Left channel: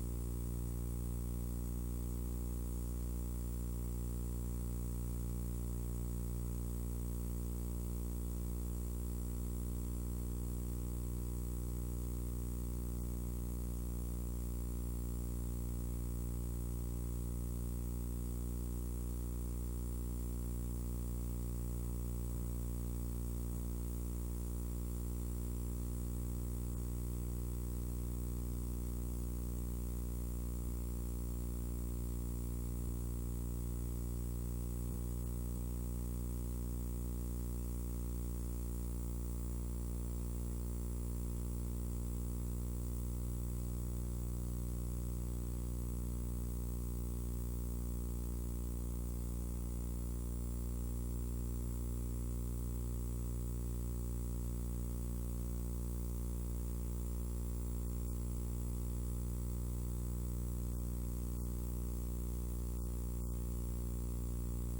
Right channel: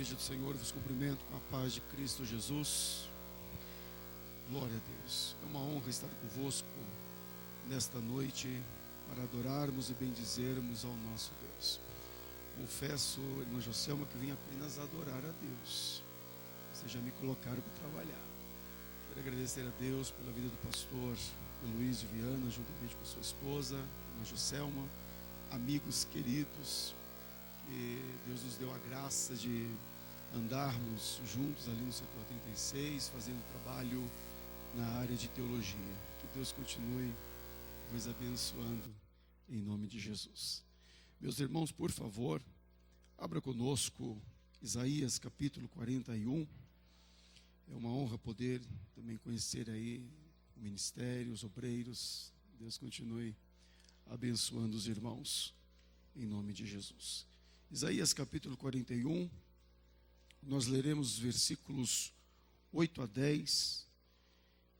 Igreja do Senhor, vos cumprimento com a paz de Cristo Jesus. Glória a Deus. É uma honra estar convosco nesta noite para adorarmos e bendizermos ao nosso Deus. Confesso, irmã Joselma, que vim apenas adorar a Deus. Vocês já me colocaram para trabalhar. Quero agradecer a Deus pela vida do pastor Luiz Viana, juntamente com sua esposa, irmã Joselma, amigos queridos. Deus nos deu a graça de andarmos juntos ali no setor 36, fazendo trabalho na área de teologia. Que Deus continue nos abençoando em nome de Jesus. Meus irmãos, por favor, abra conosco Isaías capítulo 41. É uma honra poder também conhecer aí o ministério, os obreiros. Deus continue abençoando os irmãos em nome de Jesus. Isaías capítulo 41, nós leremos os versículos 8 a 10,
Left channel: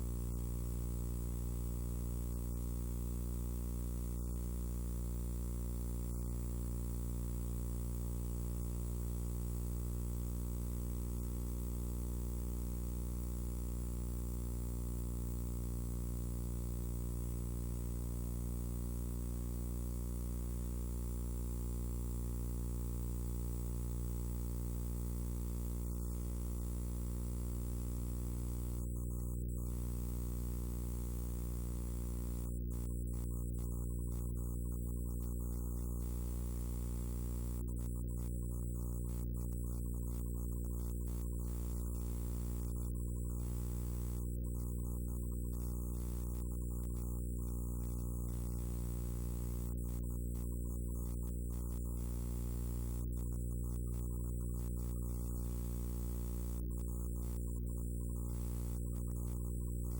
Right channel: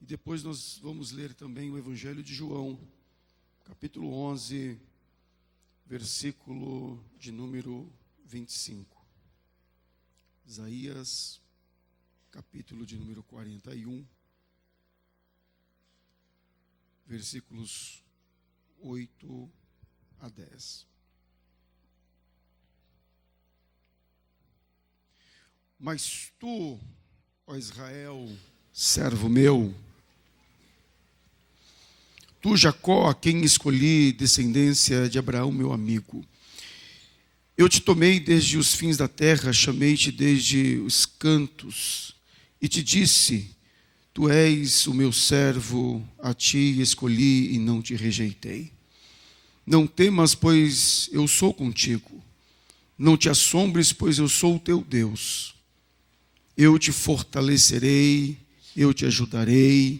e depois nós vamos ler também o Evangelho de João, capítulo 11, versículo de número 25. Isaías, capítulo de número 41, versículos 8 a 10. Mas tu, ó Israel, servo meu, tu, Jacó, a quem escolhi, descendência de Abraão, meu amigo, eu te tomei desde os fins da terra, chamei-te desde os cantos, e te disse, tu és o meu servo, a ti escolhi e não te rejeitei. Não temas, pois eu sou contigo, não te assombres, pois eu sou o teu Deus. Eu te fortalecerei, eu te ajudarei,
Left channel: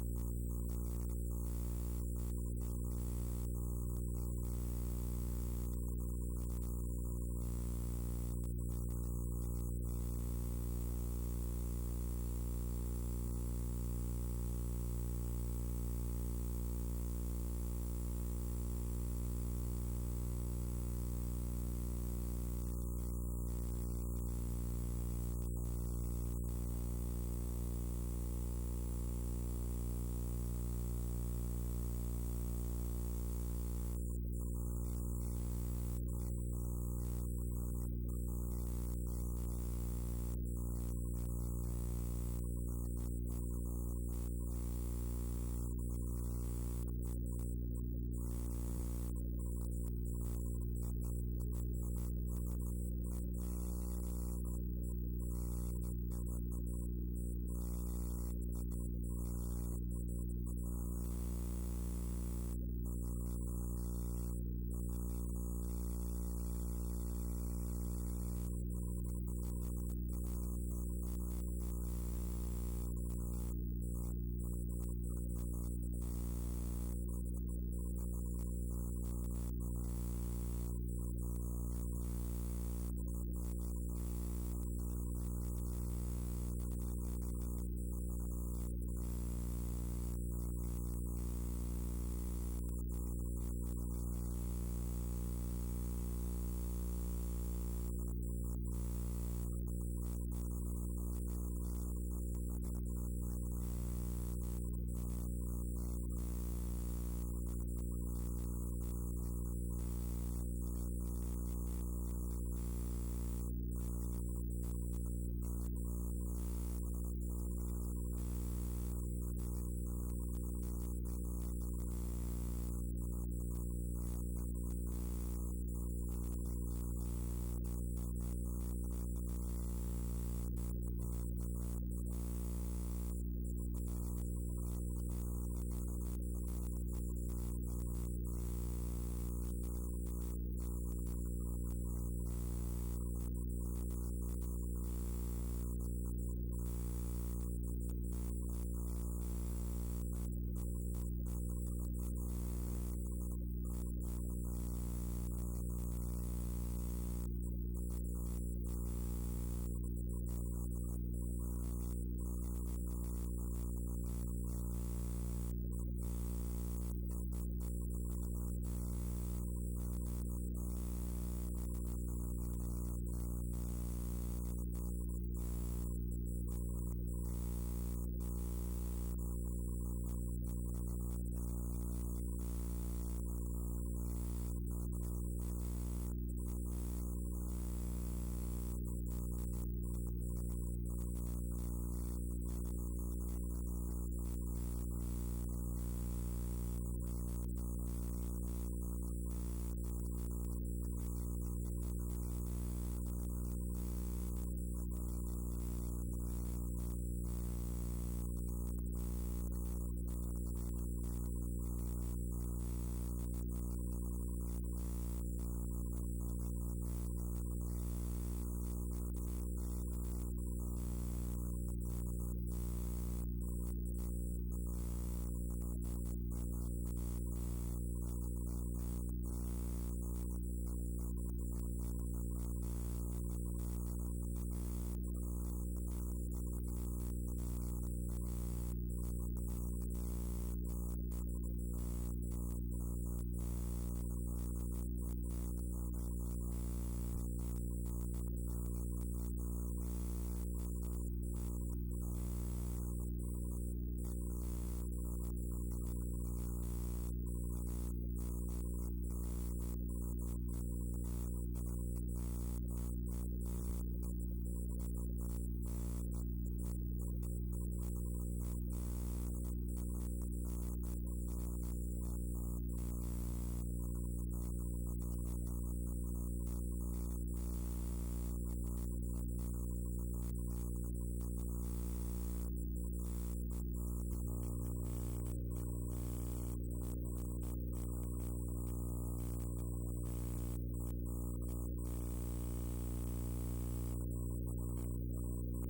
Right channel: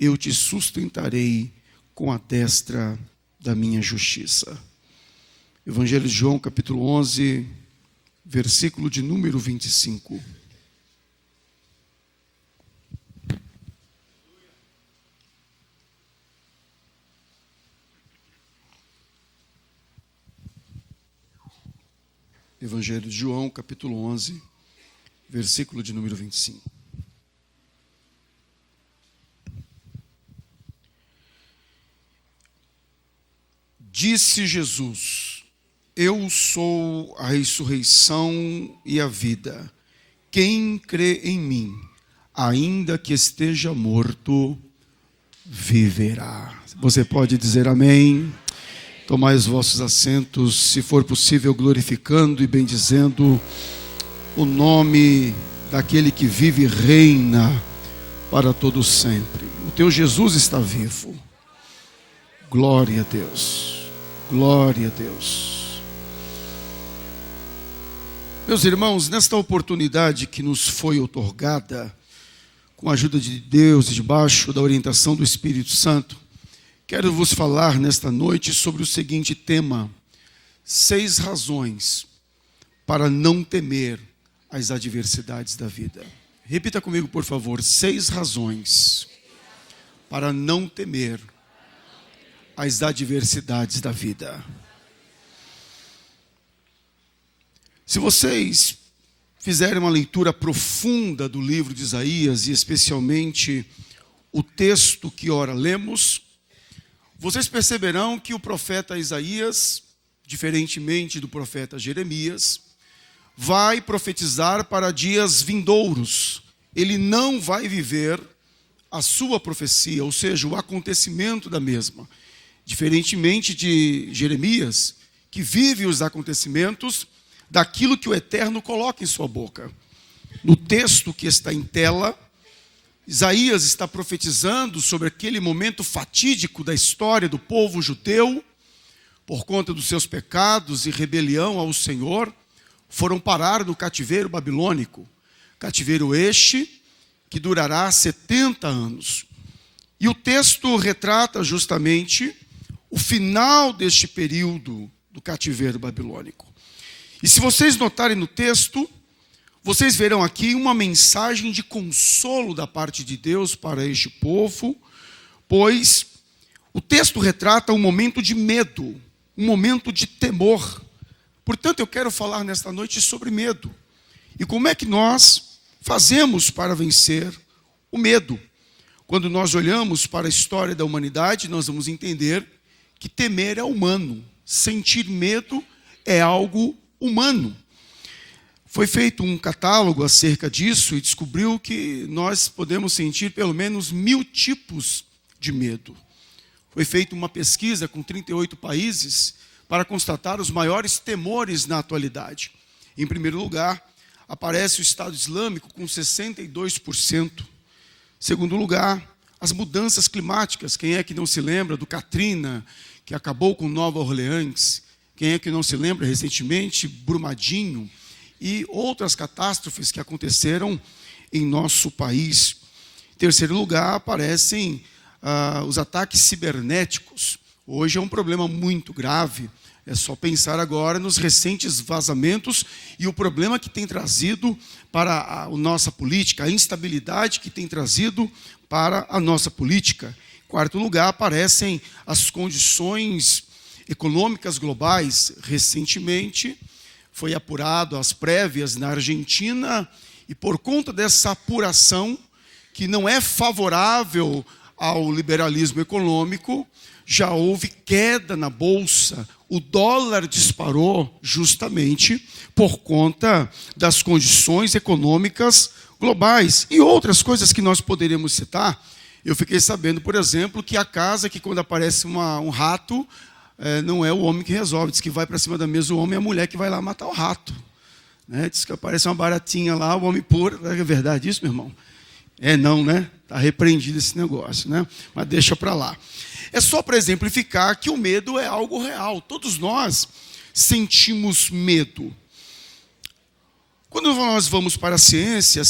eu te sustentarei com a destra da minha justiça. Evangelho de João, capítulo 11, versículo de número 25. Evangelho de João, capítulo 11, versículo de número 25. Disse Jesus: eu sou a ressurreição e a vida. Quem crê em mim, ainda que esteja morto, viverá. Você pode dizer amém? Tomai os vossos assentos, se for possível, glorificando e bendizendo o nome daquele que vive e reina para todo sempre. O teu Jesus está vivo. Glória a Deus. Glória a Deus. Meus irmãos, nesta oportunidade que nos foi outorgada, com a ajuda de Deus e debaixo da orientação do Espírito Santo, quero vos falar nesta noite sobre o seguinte tema: 6 razões para não temer as adversidades da vida. Repita comigo, por favor: 6 razões para não temer as adversidades da vida. Se vocês fizerem uma leitura profunda do livro de Isaías, e especialmente o texto que ora lemos, vocês perceberão que o profeta Isaías, diferentemente do profeta Jeremias, vai profetizar para dias vindouros. Ele não vai viver a sua profecia, ou seja, o acontecimento da mesma. Diferentemente de Jeremias, que vive os acontecimentos daquilo que o Eterno coloca em sua boca. No texto que está em tela, Isaías está profetizando sobre aquele momento fatídico da história do povo judeu, por conta dos seus pecados e rebelião ao Senhor, foram parar no cativeiro babilônico. Cativeiro este que durará 70 anos. E o texto retrata justamente o final deste período do cativeiro babilônico. E se vocês notarem no texto, vocês verão aqui uma mensagem de consolo da parte de Deus para este povo, pois o texto retrata um momento de medo, um momento de temor. Portanto, eu quero falar nesta noite sobre medo. E como é que nós fazemos para vencer o medo? Quando nós olhamos para a história da humanidade, nós vamos entender que temer é humano, sentir medo é algo humano. Foi feito um catálogo acerca disso e descobriu que nós podemos sentir pelo menos 1000 tipos de medo. Foi feita uma pesquisa com 38 países para constatar os maiores temores na atualidade. Em primeiro lugar, aparece o Estado Islâmico com 62%. Segundo lugar, as mudanças climáticas. Quem é que não se lembra do Katrina, que acabou com Nova Orleans? Quem é que não se lembra recentemente, Brumadinho e outras catástrofes que aconteceram em nosso país? Em terceiro lugar, aparecem os ataques cibernéticos. Hoje é um problema muito grave. É só pensar agora nos recentes vazamentos e o problema que tem trazido para a nossa política, a instabilidade que tem trazido para a nossa política. Em quarto lugar, aparecem as condições econômicas globais. Recentemente foi apurado as prévias na Argentina e por conta dessa apuração, que não é favorável ao liberalismo econômico, já houve queda na bolsa. O dólar disparou justamente por conta das condições econômicas globais e outras coisas que nós poderíamos citar. Eu fiquei sabendo, por exemplo, que a casa que quando aparece um rato, não é o homem que resolve, diz que vai para cima da mesa o homem e a mulher que vai lá matar o rato. Diz que aparece uma baratinha lá, o homem pôr. É verdade isso, meu irmão? Não, né? Está repreendido esse negócio, né? Mas deixa para lá. É só para exemplificar que o medo é algo real. Todos nós sentimos medo. Quando nós vamos para a ciência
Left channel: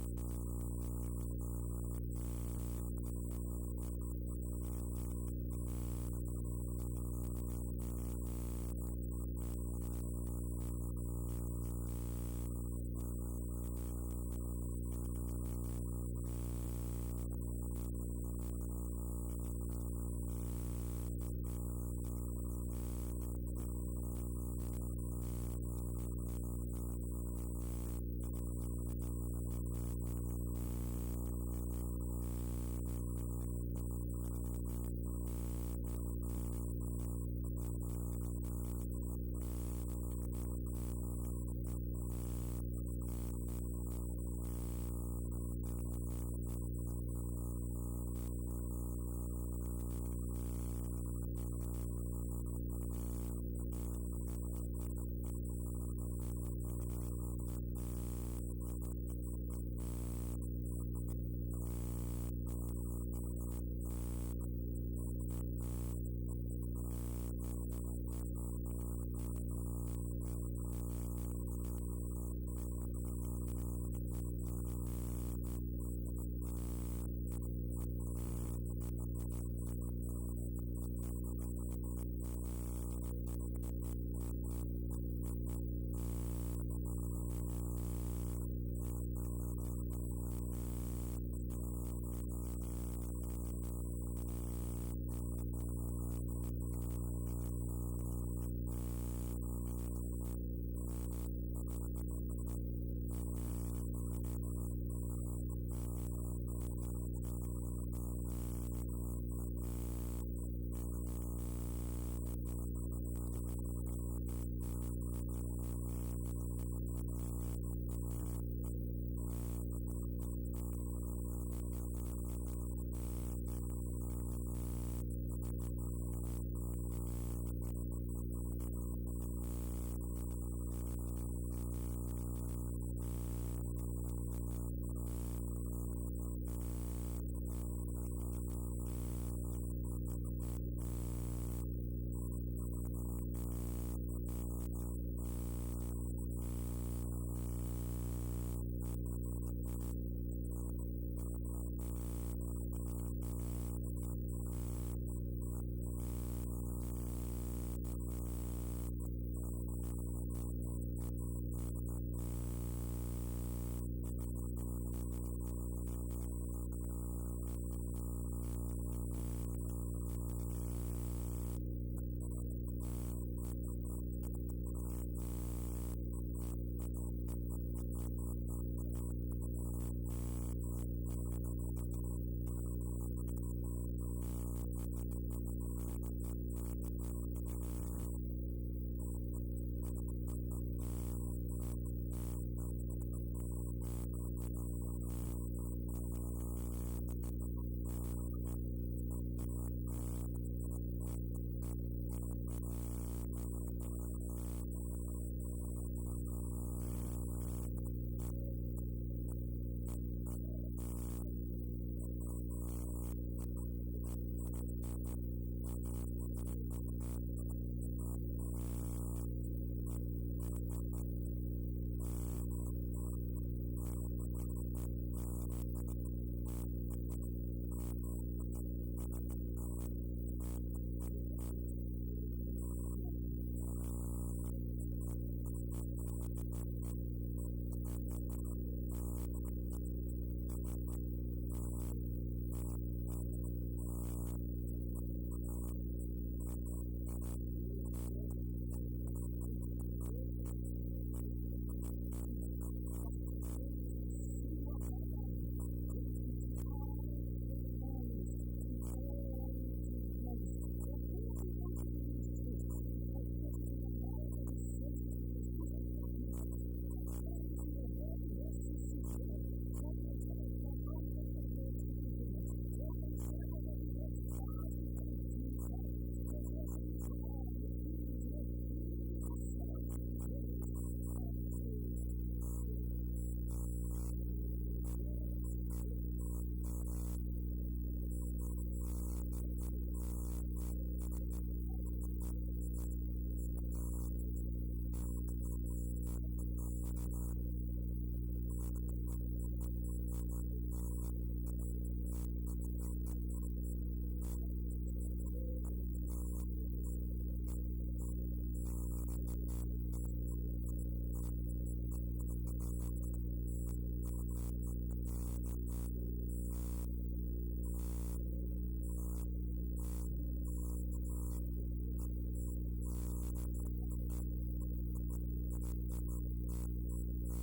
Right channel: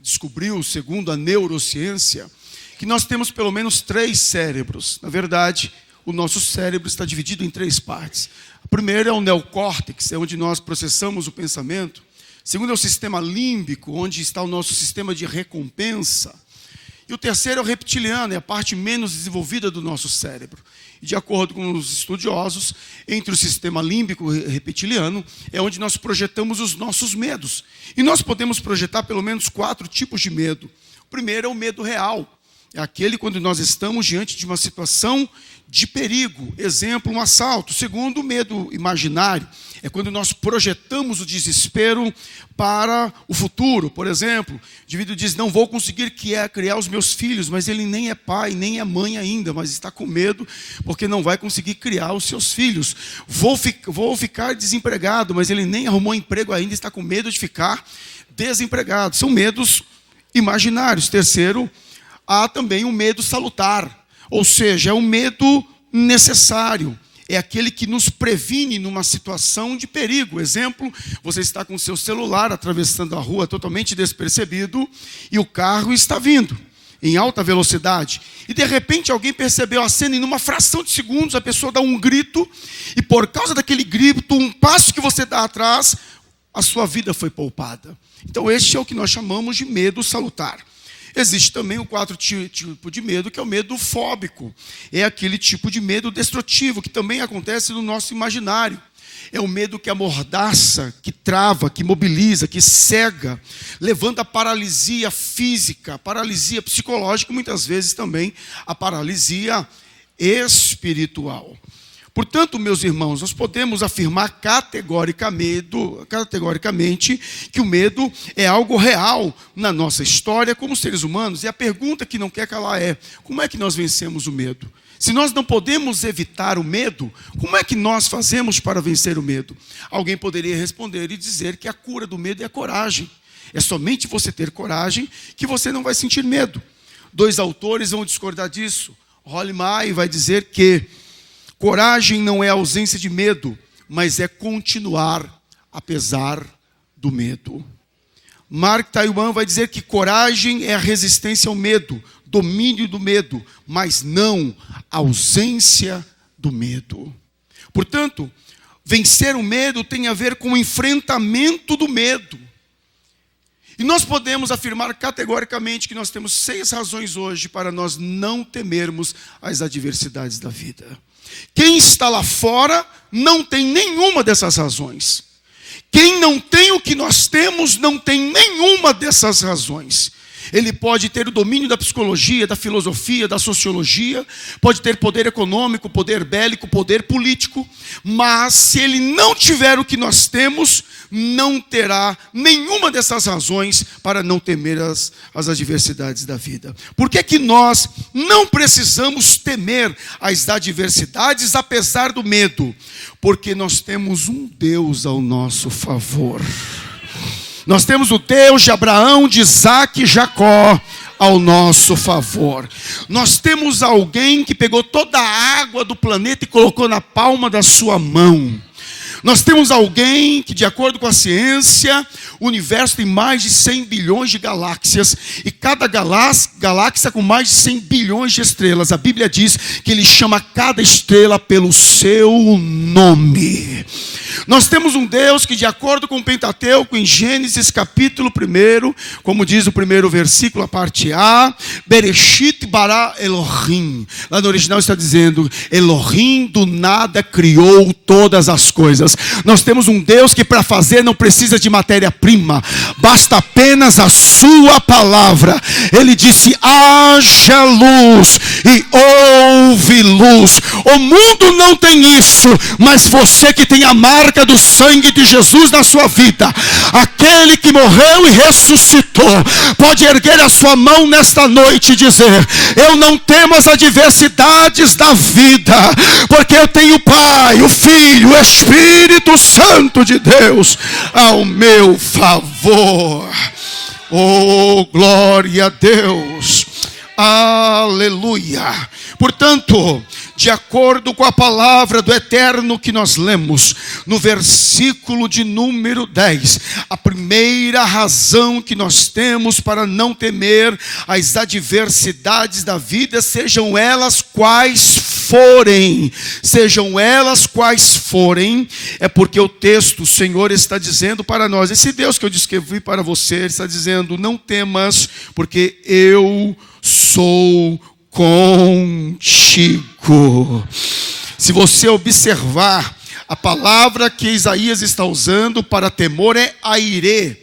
descobriu, segundo a neurociência, que nós temos pelo menos 3 cérebros. Na verdade, o nosso cérebro está dividido em 3 partes. O primeiro é o neocórtex, é onde nós processamos o pensamento. O segundo é o sistema límbico, onde está o nosso sistema de recompensa. E o terceiro é o reptiliano, é a parte menos desenvolvida do nosso cérebro. E de acordo com os estudiosos, entre o sistema límbico e reptiliano, é onde nós projetamos os nossos medos. E nós podemos projetar pelo menos 4 tipos de medo. O primeiro é o medo real. É aquele quando nós estamos diante de uma situação de perigo. Exemplo, um assalto. O segundo, o medo imaginário. É quando nós projetamos o desespero para o futuro. Por exemplo, o indivíduo diz, não vou conseguir criar os meus filhos, mas ele nem é pai, nem é mãe ainda, mas está com medo porque não vai conseguir criar os seus filhos. Vou ficar desempregado, mas ele nem arrumou emprego ainda, está com medo de ficar desempregado. São medos imaginários. Terceiro, há também o medo salutar, ou seja, é um medo necessário. É aquele que nos previne numa situação de perigo. Exemplo, você está com o seu celular atravessando a rua totalmente despercebido e o carro está vindo em alta velocidade. E de repente alguém percebeu a cena e numa fração de segundos a pessoa dá um grito e por causa daquele grito, um passo que você dá atrás, a sua vida foi poupada. Então este é o que nós chamamos de medo salutar. Existe também o 4º tipo de medo, que é o medo fóbico. É aquele tipo de medo destrutivo, que também acontece no nosso imaginário. É o medo que amordaça, que trava, que mobiliza, que cega, levanta a paralisia física, paralisia psicológica, muitas vezes também a paralisia espiritual. Portanto, meus irmãos, nós podemos afirmar categoricamente que o medo é algo real na nossa história como seres humanos. E a pergunta que não quer calar é, como é que nós vencemos o medo? Se nós não podemos evitar o medo, como é que nós fazemos para vencer o medo? Alguém poderia responder e dizer que a cura do medo é a coragem. É somente você ter coragem que você não vai sentir medo. 2 autores vão discordar disso. Rolly May vai dizer que coragem não é ausência de medo, mas é continuar apesar do medo. Mark Twain vai dizer que coragem é a resistência ao medo, domínio do medo, mas não a ausência do medo. Portanto, vencer o medo tem a ver com o enfrentamento do medo. E nós podemos afirmar categoricamente que nós temos 6 razões hoje para nós não temermos as adversidades da vida. Quem está lá fora não tem nenhuma dessas razões. Quem não tem o que nós temos não tem nenhuma dessas razões. Ele pode ter o domínio da psicologia, da filosofia, da sociologia, pode ter poder econômico, poder bélico, poder político, mas se ele não tiver o que nós temos, não terá nenhuma dessas razões para não temer as adversidades da vida. Por que que nós não precisamos temer as adversidades apesar do medo? Porque nós temos um Deus ao nosso favor. Nós temos o Deus de Abraão, de Isaac e Jacó ao nosso favor. Nós temos alguém que pegou toda a água do planeta e colocou na palma da sua mão. Nós temos alguém que, de acordo com a ciência, o universo tem mais de 100 bilhões de galáxias, e cada galáxia com mais de 100 bilhões de estrelas. A Bíblia diz que ele chama cada estrela pelo seu nome. Nós temos um Deus que, de acordo com o Pentateuco, em Gênesis capítulo 1, como diz o primeiro versículo, a parte A, Bereshit bara Elohim. Lá no original está dizendo, Elohim do nada criou todas as coisas. Nós temos um Deus que para fazer não precisa de matéria-prima, basta apenas a sua palavra. Ele disse, haja luz, e houve luz. O mundo não tem isso, mas você que tem a marca do sangue de Jesus na sua vida, aquele que morreu e ressuscitou, pode erguer a sua mão nesta noite e dizer, eu não temo as adversidades da vida, porque eu tenho o Pai, o Filho, o Espírito Santo de Deus ao meu favor. Oh, glória a Deus, aleluia. Portanto, de acordo com a palavra do Eterno que nós lemos, no versículo de número 10, a primeira razão que nós temos para não temer as adversidades da vida, sejam elas quais forem, é porque o texto, o Senhor está dizendo para nós, esse Deus que eu descrevi para você, Ele está dizendo, não temas, porque eu sou contigo. Se você observar, a palavra que Isaías está usando para temor é airê.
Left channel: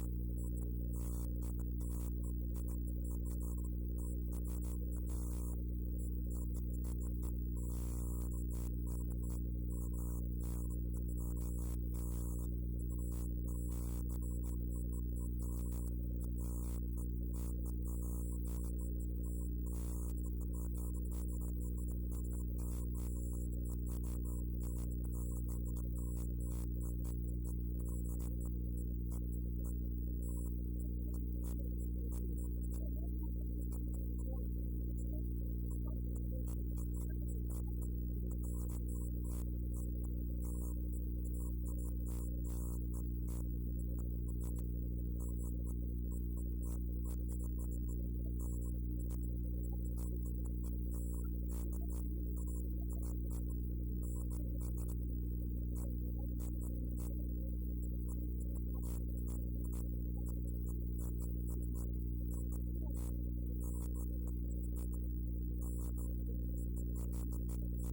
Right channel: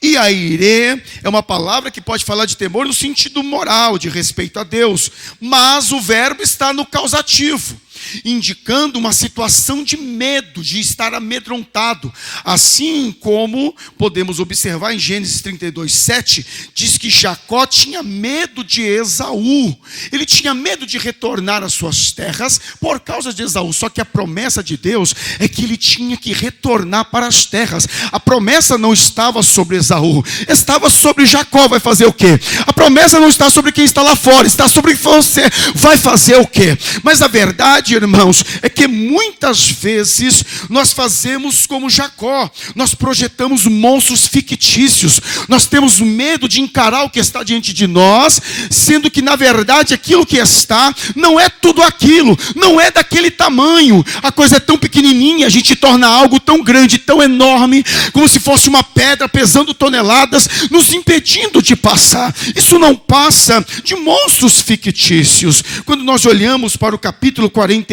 E airê é uma palavra que pode falar de temor no sentido moral, de respeito a Deus, mas o verbo está no causativo, indicando uma situação de medo, de estar amedrontado. Assim como podemos observar em Gênesis 32:7, diz que Jacó tinha medo de Esaú. Ele tinha medo de retornar às suas terras por causa de Esaú. Só que a promessa de Deus é que ele tinha que retornar para as terras. A promessa não estava sobre Esaú, estava sobre Jacó. Vai fazer o quê? A promessa não está sobre quem está lá fora, está sobre você. Vai fazer o quê? Mas a verdade, irmãos, é que muitas vezes nós fazemos como Jacó, nós projetamos monstros fictícios, nós temos medo de encarar o que está diante de nós, sendo que na verdade aquilo que está não é tudo aquilo, não é daquele tamanho, a coisa é tão pequenininha, a gente torna algo tão grande, tão enorme, como se fosse uma pedra pesando toneladas, nos impedindo de passar. Isso não passa de monstros fictícios. Quando nós olhamos para o capítulo 41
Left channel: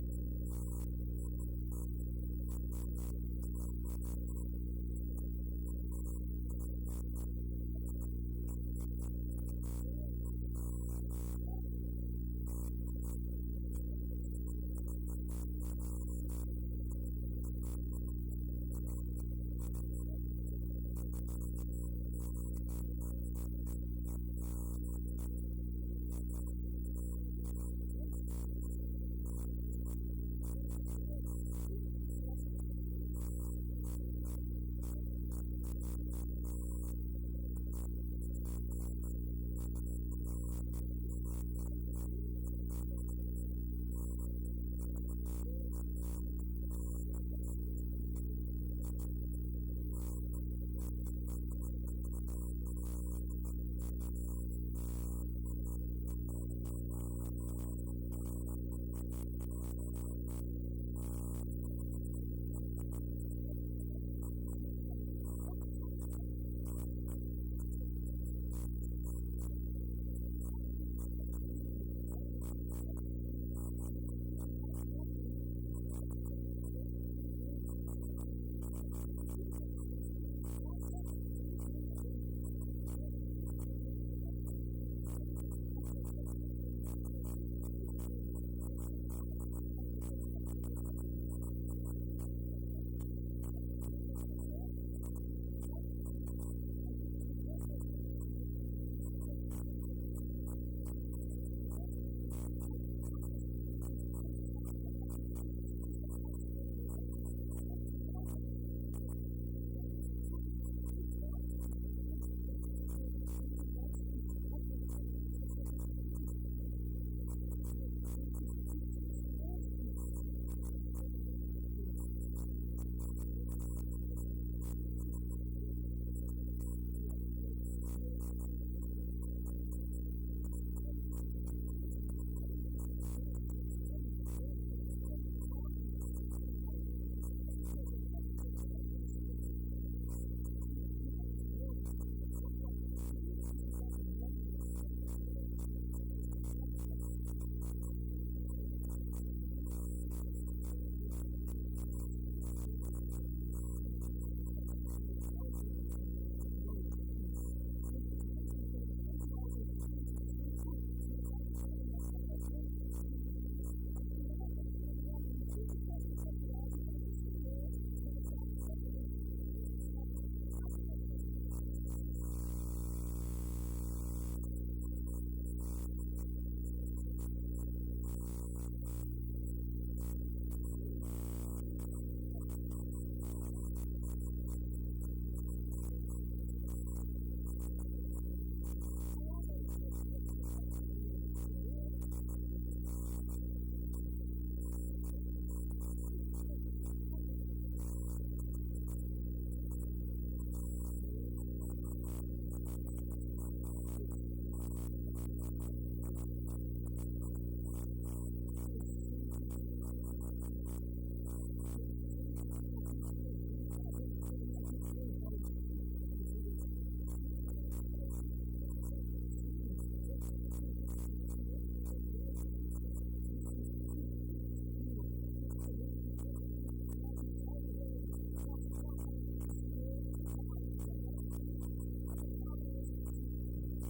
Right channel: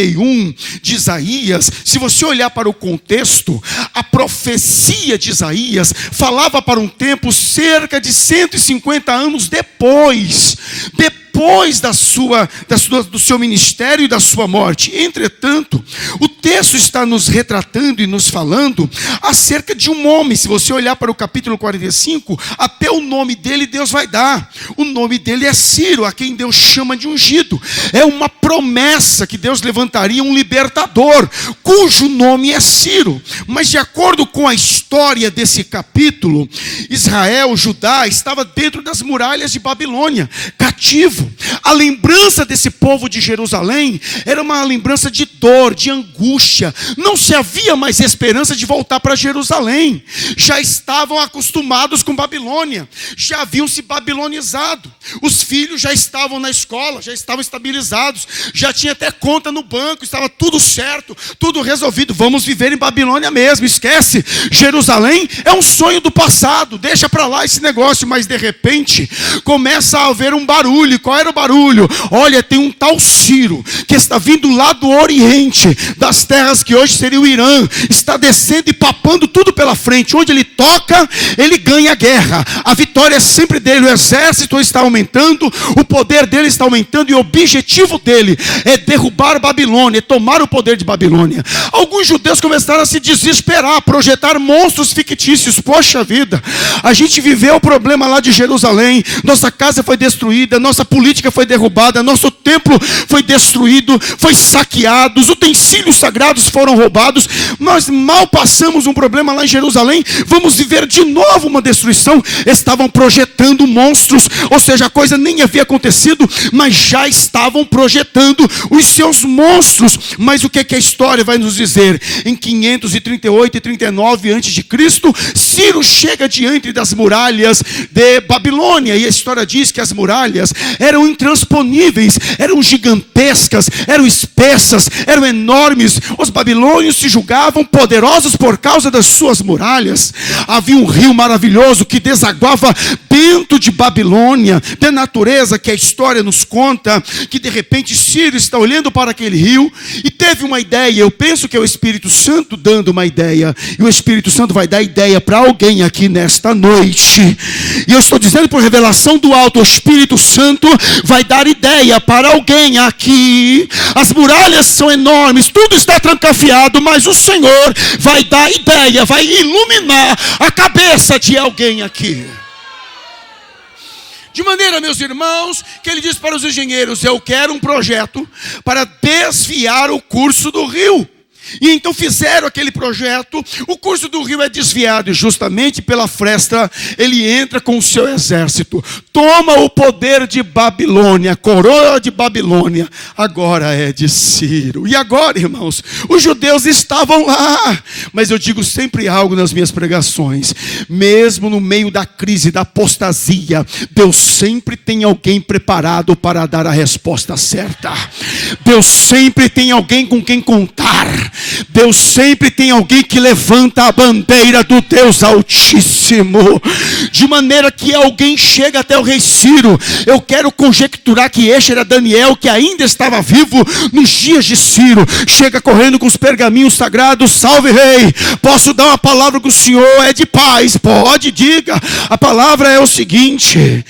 de Isaías, se você olhar para o contexto, a profecia de Isaías falava para um tempo cerca de 150 anos depois do seu ministério e da sua morte. Entretanto, o texto está nos retratando e nos falando acerca de um homem. Se você olhar para o capítulo 45, até o nome dele Deus vai dar. O nome dele é Ciro, a quem Deus chama de ungido. É uma promessa que Deus levantaria um libertador, cujo nome é Ciro. Mas de acordo com a história desse capítulo, Israel, Judá, estava dentro das muralhas de Babilônia, cativo. A lembrança desse povo de Jerusalém era uma lembrança de dor, de angústia. Não se havia mais esperança de voltar para Jerusalém. Já estavam acostumados com Babilônia, já haviam se babilonizado. Os filhos já estavam na escola, já estavam estabilizados, já tinha até conta no banco, estava tudo certo, tudo resolvido. Vamos viver em Babilônia mesmo, esquece. Jerusalém é um sonho do passado, deixa para lá esse negócio. Mas de repente começa a haver um barulho. Qual qual era o barulho? Olha, tem um tal Ciro, que está vindo lá do Oriente, das terras que hoje seria o Irã, está descendo e papando tudo pela frente. Onde ele toca, ele ganha a guerra. A vitória é sempre dele, o exército está aumentando, o poder dele está aumentando, e o objetivo dele é derrubar Babilônia, tomar o poder de Babilônia. Alguns judeus começaram a se desesperar, a projetar monstros fictícios. Poxa vida, a gente viveu o problema lá de Jerusalém, nossa casa foi destruída, nossa política foi derrubada, nosso templo foi destruído, foi saqueado, os utensílios sagrados foram roubados, nós mal passamos um problema lá em Jerusalém, vamos viver de novo uma destruição. Estavam projetando monstros, ou seja, a coisa nem havia acontecido, mas já estavam projetando os seus monstros. Mas o que a história vai nos dizer? Em 538 e 39 a.C., Ciro chega diante das muralhas de Babilônia, e a história diz que as muralhas eram intransponíveis, eram gigantescas, eram espessas, eram enormes. Os babilônios se julgavam poderosos por causa das suas muralhas. Havia um rio maravilhoso que desaguava dentro de Babilônia, da natureza que a história nos conta, que de repente Ciro está olhando para aquele rio e teve uma ideia. Eu penso que é o Espírito Santo dando uma ideia, e o Espírito Santo vai dar ideia para alguém aqui nesta noite, e eu estou dizendo por revelação do alto, o Espírito Santo vai dar ideia para alguém aqui. As muralhas são enormes, tudo está trancafiado, mas o Senhor vai dar ideia, vai iluminar a cabeça de alguém aqui. De maneira, meus irmãos, que ele diz para os engenheiros: eu quero um projeto para desviar o curso do rio. E então fizeram aquele projeto. O curso do rio é desviado, e justamente pela fresta ele entra com o seu exército, toma o poder de Babilônia. A coroa de Babilônia agora é de Ciro. E agora, irmãos, os judeus estavam lá. Mas eu digo sempre algo nas minhas pregações: mesmo no meio da crise, da apostasia, Deus sempre tem alguém preparado para dar a resposta certa. Deus sempre tem alguém com quem contar. Deus sempre tem alguém que levanta a bandeira do Deus Altíssimo, de maneira que alguém chega até o rei Ciro. Eu quero conjecturar que este era Daniel, que ainda estava vivo nos dias de Ciro. Chega correndo com os pergaminhos sagrados: salve rei, posso dar uma palavra com o senhor? É de paz? Pode, diga. A palavra é o seguinte.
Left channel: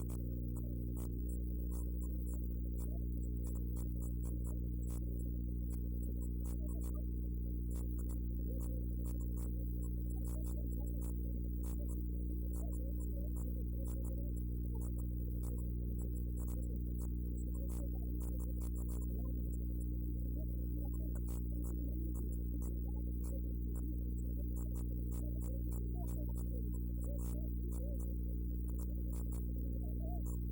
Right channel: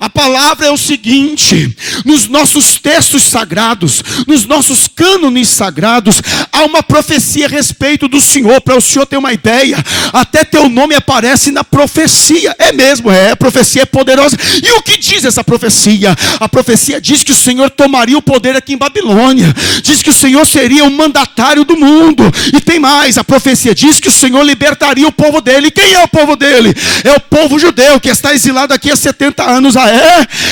A palavra é o seguinte: nos nossos textos sagrados, nos nossos cânones sagrados, há uma profecia a respeito do Senhor. Para o Senhor ter uma ideia, até teu nome aparece na profecia. É mesmo, a profecia é poderosa. E o que diz essa profecia? A profecia diz que o Senhor tomaria o poder aqui em Babilônia, diz que o Senhor seria o mandatário do mundo. E tem mais, a profecia diz que o Senhor libertaria o povo dele. Quem é o povo dele? É o povo judeu, que está exilado aqui há 70 anos.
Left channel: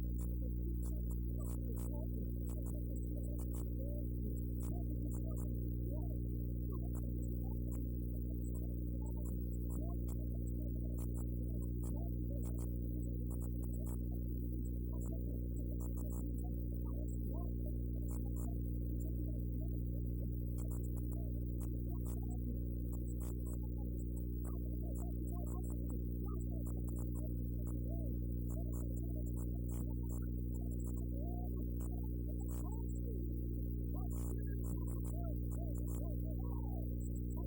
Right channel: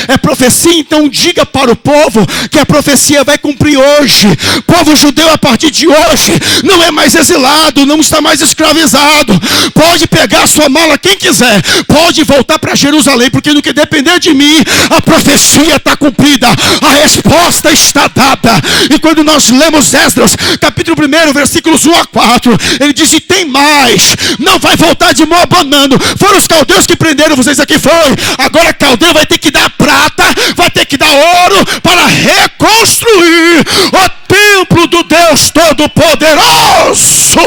É profecia? Então diga para o povo que a profecia vai cumprir hoje. Povo judeu, a partir de hoje não é mais exilado, não está mais escravizado. Pode pegar a sua mala, quem quiser, pode voltar para Jerusalém, porque no que depender de mim, a profecia está cumprida, a resposta está dada. E quando nós lemos Esdras, capítulo 1, versículos 1 a 4, ele diz: e tem mais, não vai voltar de mão abanando. Foram os caldeus que prenderam vocês aqui, foi. Agora caldeu vai ter que dar prata, vai ter que dar ouro para reconstruir o templo do Deus Todo-Poderoso.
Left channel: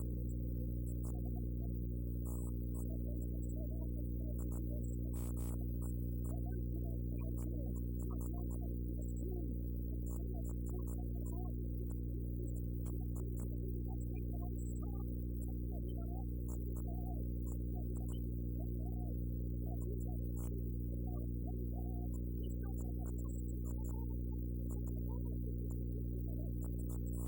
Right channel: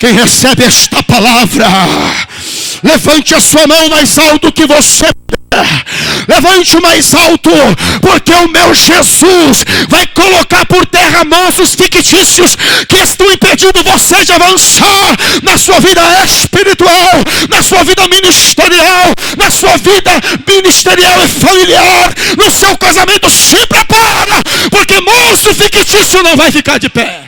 Quem recebe esta palavra, levante a sua mão mais alto que você puder. Levante o mais alto, porque o meu Jesus vai colocar por terra monstros fictícios que estão impedindo você de avançar na sua vida espiritual, na sua vida ministerial, na sua vida ministerial e familiar, no seu casamento. Se prepara, porque monstro fictício não vai ficar de pé.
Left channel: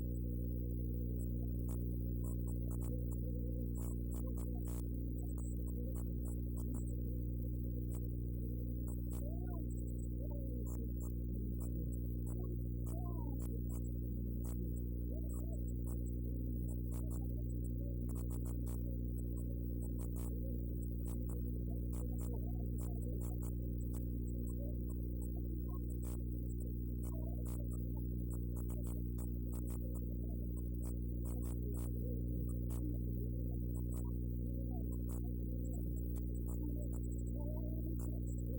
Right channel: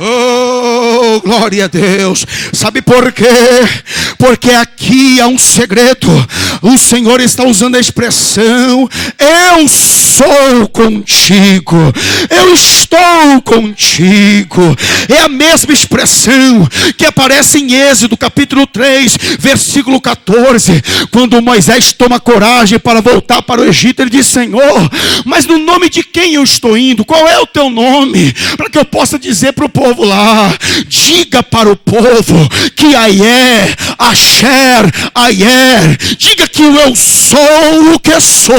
Oh, glória a Deus. Sabe por quê? Porque aqui há um segredo. O Senhor está usando a expressão: eu sou contigo, eu estou contigo. É a mesma expressão que aparece em Êxodo capítulo 3, versículo 14, quando Moisés toma coragem para voltar para o Egito. Ele diz: Senhor, mas no nome de quem eu estou indo? Qual é o teu nome? Para que eu possa dizer para o povo lá: diga para o povo que Aié, Asher, Aié, diga que o eu sou o que sou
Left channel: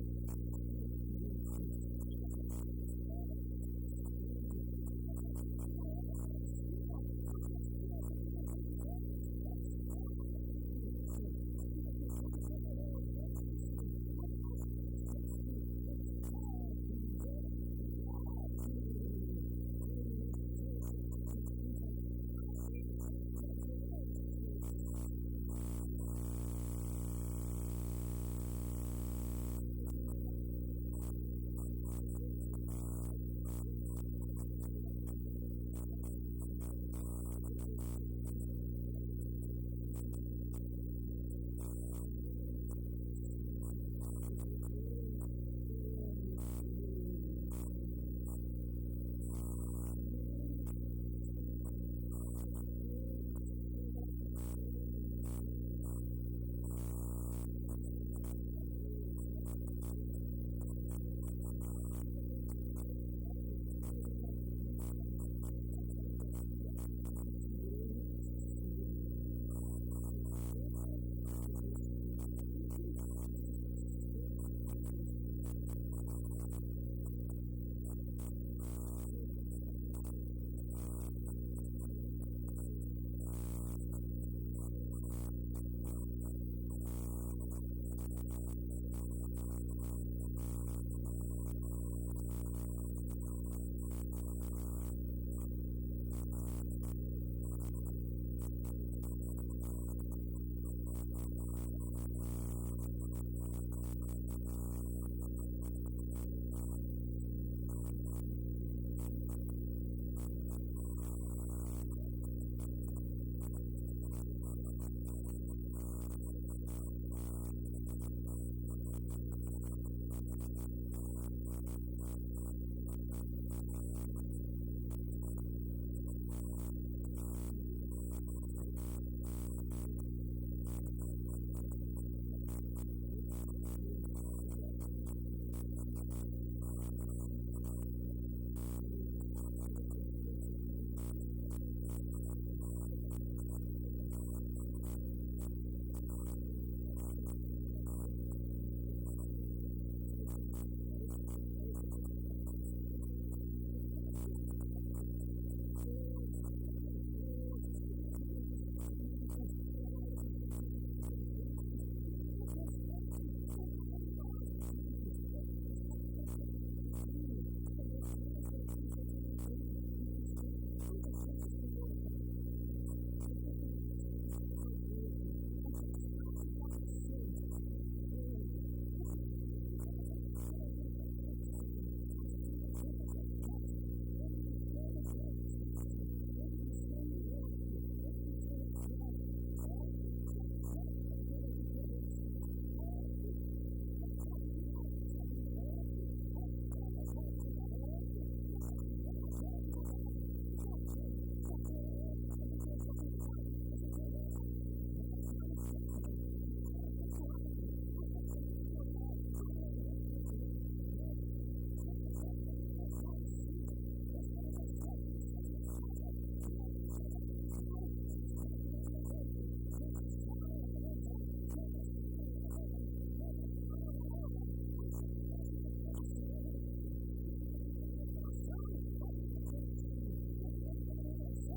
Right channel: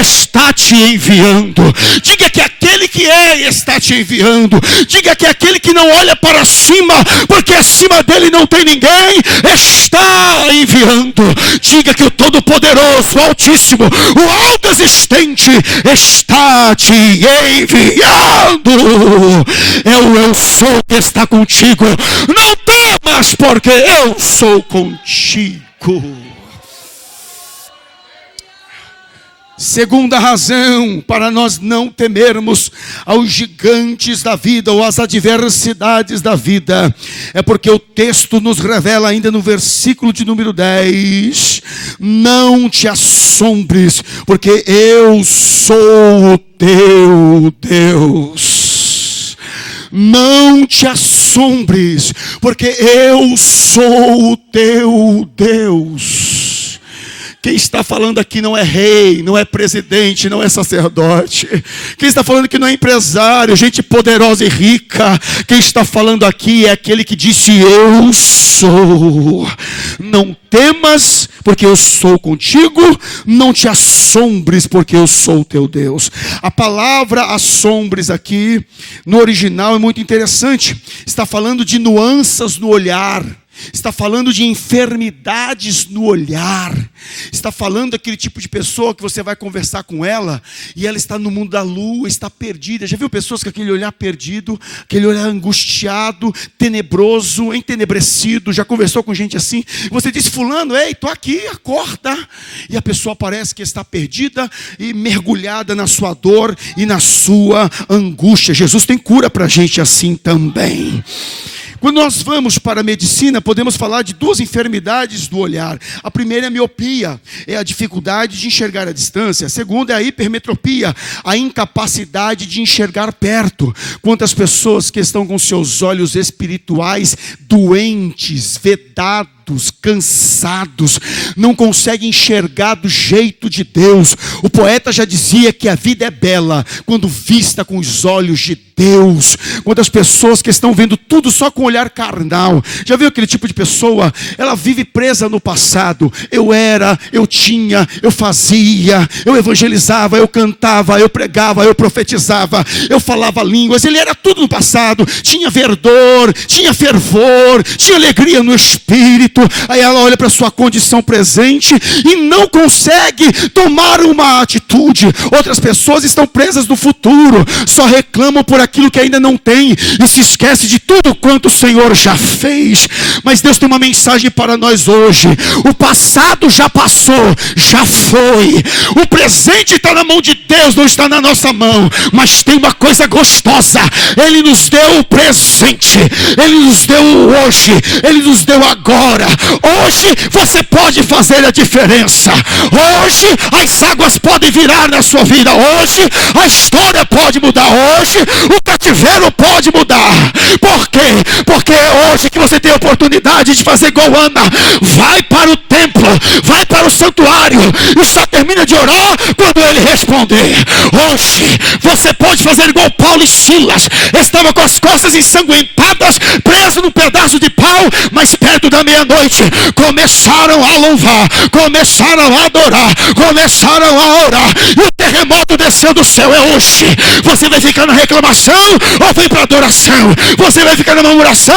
está te enviando. Diga que aquele que é está te enviando. Diga que aquele que não olha para cima, porque acima dele não tem ninguém, está enviando. Diga que o Todo-Poderoso, o Altíssimo, o Alto Existente está te enviando. É o eu sou que está contigo. Não temas, porque eu sou contigo. Segunda razão para nós não temermos aos gigantes da vida ou às adversidades da vida é porque o texto nos revela ainda no versículo de número 10: não te assombres, porque eu sou o teu Deus. Não te assombres, porque eu sou o teu Deus. Quem está falando aqui não é rei, não é presidente, não é sacerdote. Quem está falando aqui não é empresário, gente poderosa e rica. Quem está falando aqui é aquele que disse: eu sou. Não temas, porque eu sou contigo. Não te assombres, porque eu sou o teu Deus. A palavra assombres aqui, no original, é muito interessante. Está falando de nuances no olhar. Está falando de enfermidades no olhar. Está falando daquele tipo de pessoa que você vai conversar com ela e ela está no mundo da lua, está perdida. Já viu pessoas com aquele olhar perdido, aquele olhar angustiado, tenebroso, entenebrecido? Já conversou com gente assim? Você diz: fulano, ei, estou aqui, acorda. E a pessoa parece que está perdida e mergulhada na sua dor e na sua angústia. Jesus tem cura para gente assim também. Quando nós vamos para a medicina, podemos falar de duas enfermidades do olhar. A primeira é a miopia, é a dificuldade de enxergar à distância. A segunda é a hipermetropia, a incapacidade de enxergar perto. Quantas pessoas que estão com seus olhos espirituais doentes, vedados, cansados, não conseguem enxergar do jeito de Deus. O poeta já dizia que a vida é bela quando vista com os olhos de Deus. Quantas pessoas que estão vendo tudo só com o olhar carnal. Já viu aquele tipo de pessoa? Ela vive presa no passado. Eu era, eu tinha, eu fazia, eu evangelizava, eu cantava, eu pregava, eu profetizava, eu falava línguas. Ele era tudo no passado. Tinha verdor, tinha fervor, tinha alegria no espírito. Aí ela olha para a sua condição presente e não consegue tomar uma atitude. Outras pessoas estão presas no futuro, só reclamam por aquilo que ainda não tem e se esquece de tudo quanto o Senhor já fez. Mas Deus tem uma mensagem para nós hoje. O passado já passou, já foi. O presente está na mão de Deus, não está na nossa mão. Mas tem uma coisa gostosa: Ele nos deu o presente, Ele nos deu o hoje, Ele nos deu agora. Hoje você pode fazer a diferença. Hoje as águas podem virar na sua vida. Hoje a história pode mudar. Hoje o cativeiro pode mudar. Por quê? Porque é hoje que você tem a oportunidade de fazer igual Ana. Vai para o templo, vai para o santuário e só termina de orar quando ele responder. Hoje você pode fazer igual Paulo e Silas. Estava com as costas ensanguentadas, preso num pedaço de pau, mas perto da meia-noite começaram a louvar, começaram a adorar, começaram a orar, e o terremoto desceu do céu. É hoje. Você vai ficar na reclamação ou vem para adoração? Você vai ficar na murmuração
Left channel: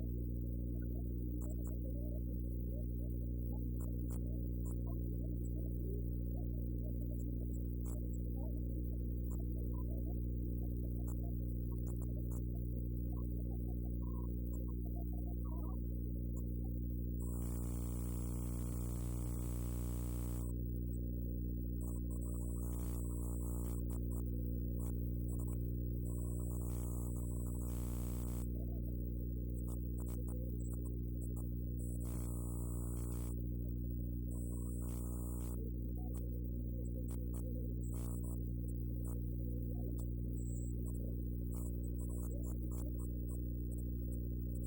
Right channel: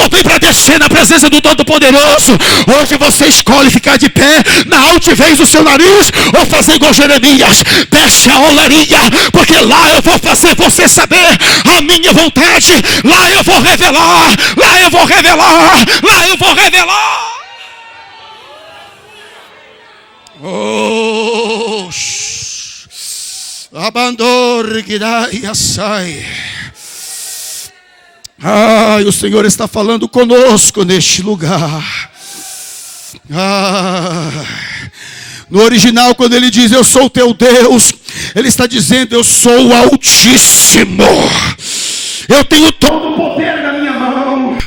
ou vem para descer na presença do Todo-Poderoso? Hoje você escolhe ficar de pé na altivez do seu nariz ou fazer igual Jeremias: deixa a olaria, porque lá eu vou fazer você saber a minha vontade. Lá eu vou revelar, lá eu vou revelar, lá eu vou revelar. Oh, abandone que dá e assai. O Senhor está falando conosco neste lugar. No original, quando ele diz eu sou o teu Deus, Ele está dizendo: eu sou o Altíssimo, eu tenho todo o poder na minha mão.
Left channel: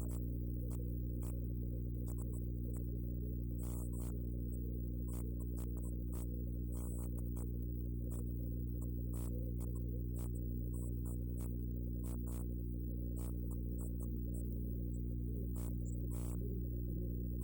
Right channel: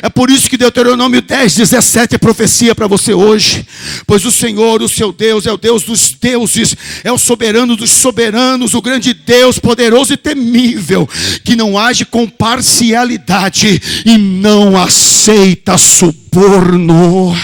É por isso que Deuteronômio 10:17 é profecia para você hoje. Pois o Senhor, o seu Deus, é o Deus dos deuses, é o soberano dos soberanos, o grande Deus, poderoso e temível, que não age com parcialidade e não aceita suborno.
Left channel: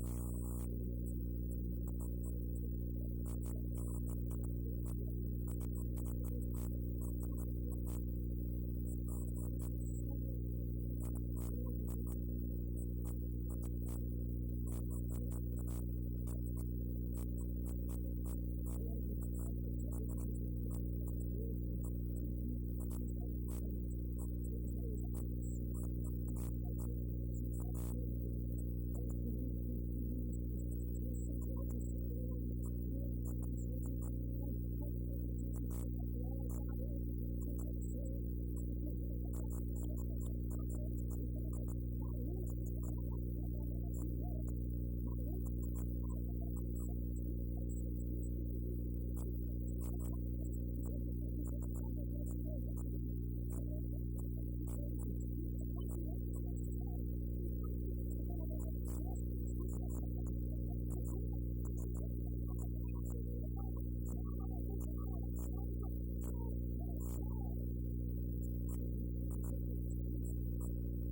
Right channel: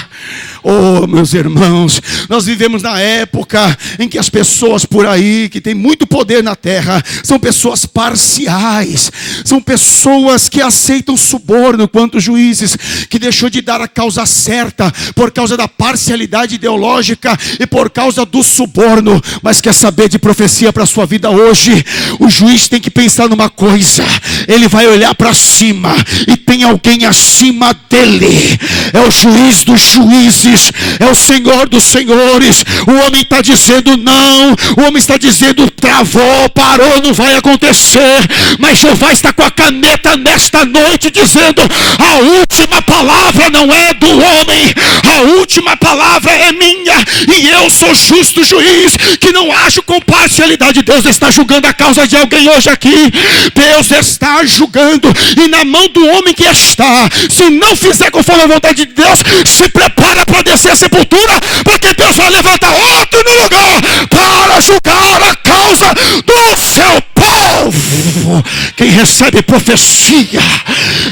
Oh, meus irmãos, nós vivemos na época em que as pessoas por aí, que têm muito poder na terra, são pessoas parciais, são pessoas que aceitam suborno, quanto juízes que deixou de dar a causa certa por causa da parcialidade ideológica e por causa do suborno. Mas quer saber de profecia para a sua vida hoje? O juiz tem que pensar numa coisa: ele vai olhar para cima e tem alguém acima dele. É o juiz dos juízes, é o Senhor dos senhores. O homem está dizendo não, o homem está dizendo travou, parou, não vai acontecer. Mas Jeová está com a caneta nesta noite dizendo: a última palavra não é do homem, a última palavra é minha, e eu sou justo juiz, que não ajo com parcialidade. Deus está julgando a causa de alguém hoje aqui. Deus está julgando, e na mão do homem que está, se não fizer conforme a vontade de Deus, se prepara para descer a sepultura, porque Deus vai levantar outro no lugar para julgar a causa do seu povo. Quem recebe profecia,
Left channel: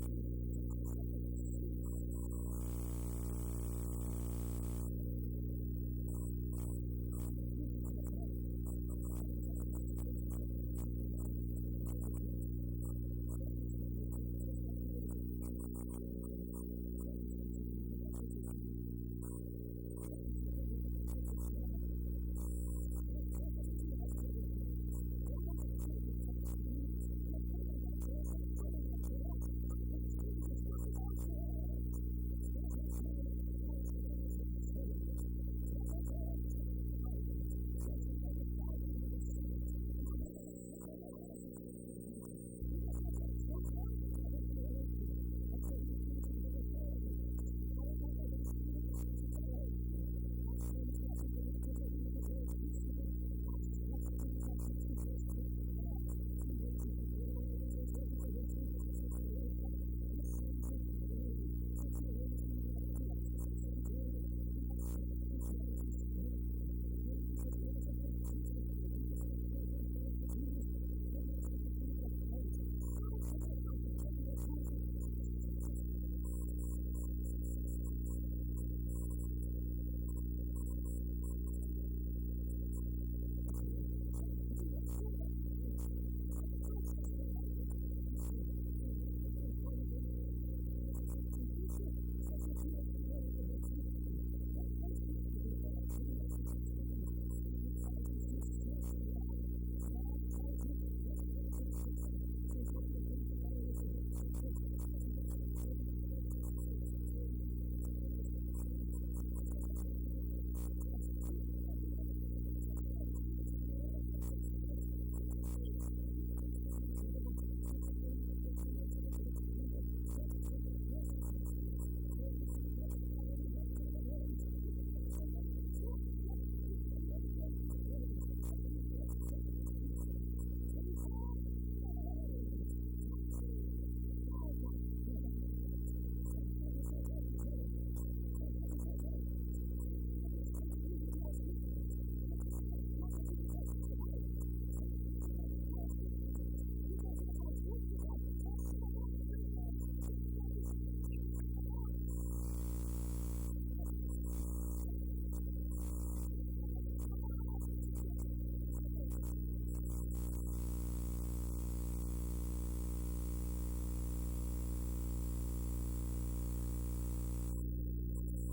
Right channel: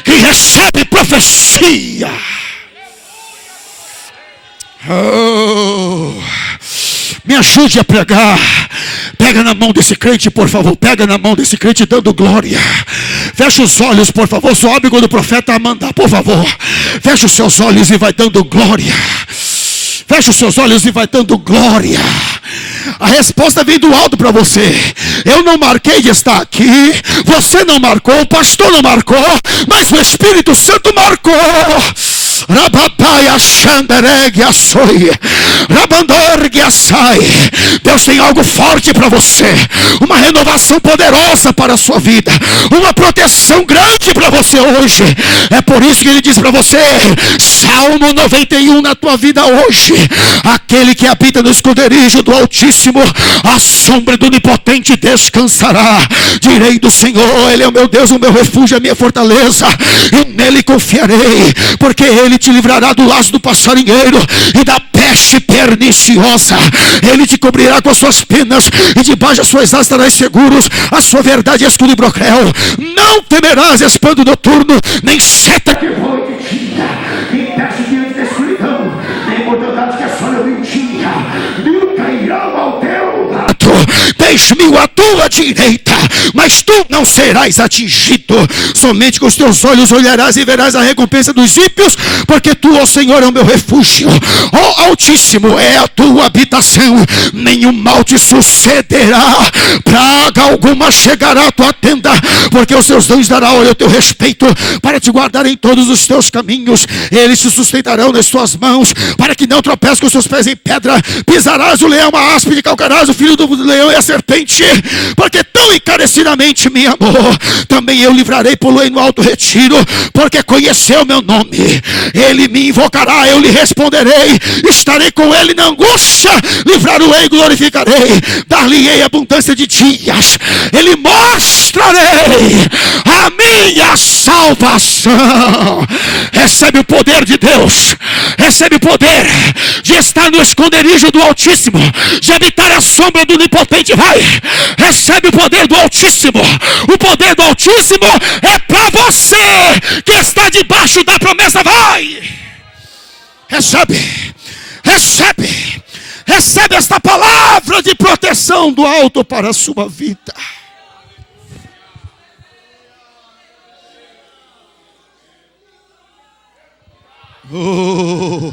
quem recebe profecia, me ajude a pregar. Pega na mão desse crente, por favor. Pega na mão desse crente dando glória. Fecha os olhos, por favor. Sobe quando o profeta mandar, por favor. Fecha os seus olhos e vai dando glória. Fecha os seus olhos e vai dando glória. A resposta vem do alto para você. Eu não marquei de estar aqui, você não marcou, o pastor não marcou, mas o Espírito Santo marcou. Deus tem algo forte para você, uma renovação poderosa para a sua vida, uma proteção grande para você hoje. É por isso que ele diz para você, Salmo 91 na tua vida hoje: aquele que habita no esconderijo do Altíssimo, a sombra do Onipotente descansará. Direi do Senhor: ele é o meu Deus, o meu refúgio, a minha fortaleza, e nele confiarei, porque ele te livrará do laço do passarinheiro e da peste perniciosa. Ele te cobrirá com as suas penas, e debaixo das suas asas estarás seguros. A sua verdade é escudo e broquel. Não temerás espanto noturno, nem seta que voa de dia, nem peste diante da escuridão, nem mortandade que assola o dia. Mil cairão ao teu lado, 10.000 à tua direita, mas tu não serás atingido. Somente com os teus olhos olharás e verás a recompensa dos ímpios, porque tu, ó Senhor, é o meu refúgio. Ó Altíssimo é a tua habitação. Nenhum mal te sucederá, praga alguma chegará à tua tenda, porque os teus dons dará olho ao teu respeito, para te guardar em todos os teus caminhos. Eles te sustentarão nas tuas mãos, para que não tropeces com os teus pés em pedra. Pisarás o leão, a áspide, calcarás o filho do leão e a serpente, porque tão encarecidamente me amou. Também eu livrarei, poloei no alto retiro, porque conheceu meu nome. Ele me invocará, eu lhe responderei, estarei com ele na angústia, livrá-lo-ei e glorificarei, dar-lhe-ei abundância de dias, ele mostrarei a minha salvação. Recebe o poder de Deus, recebe o poder de estar no esconderijo do Altíssimo, de habitar a sombra do Onipotente. Vai, recebe o poder do Altíssimo. O poder do Altíssimo é para você que está debaixo da promessa. Vai, recebe, recebe, recebe esta palavra de proteção do alto para a sua vida. Oh,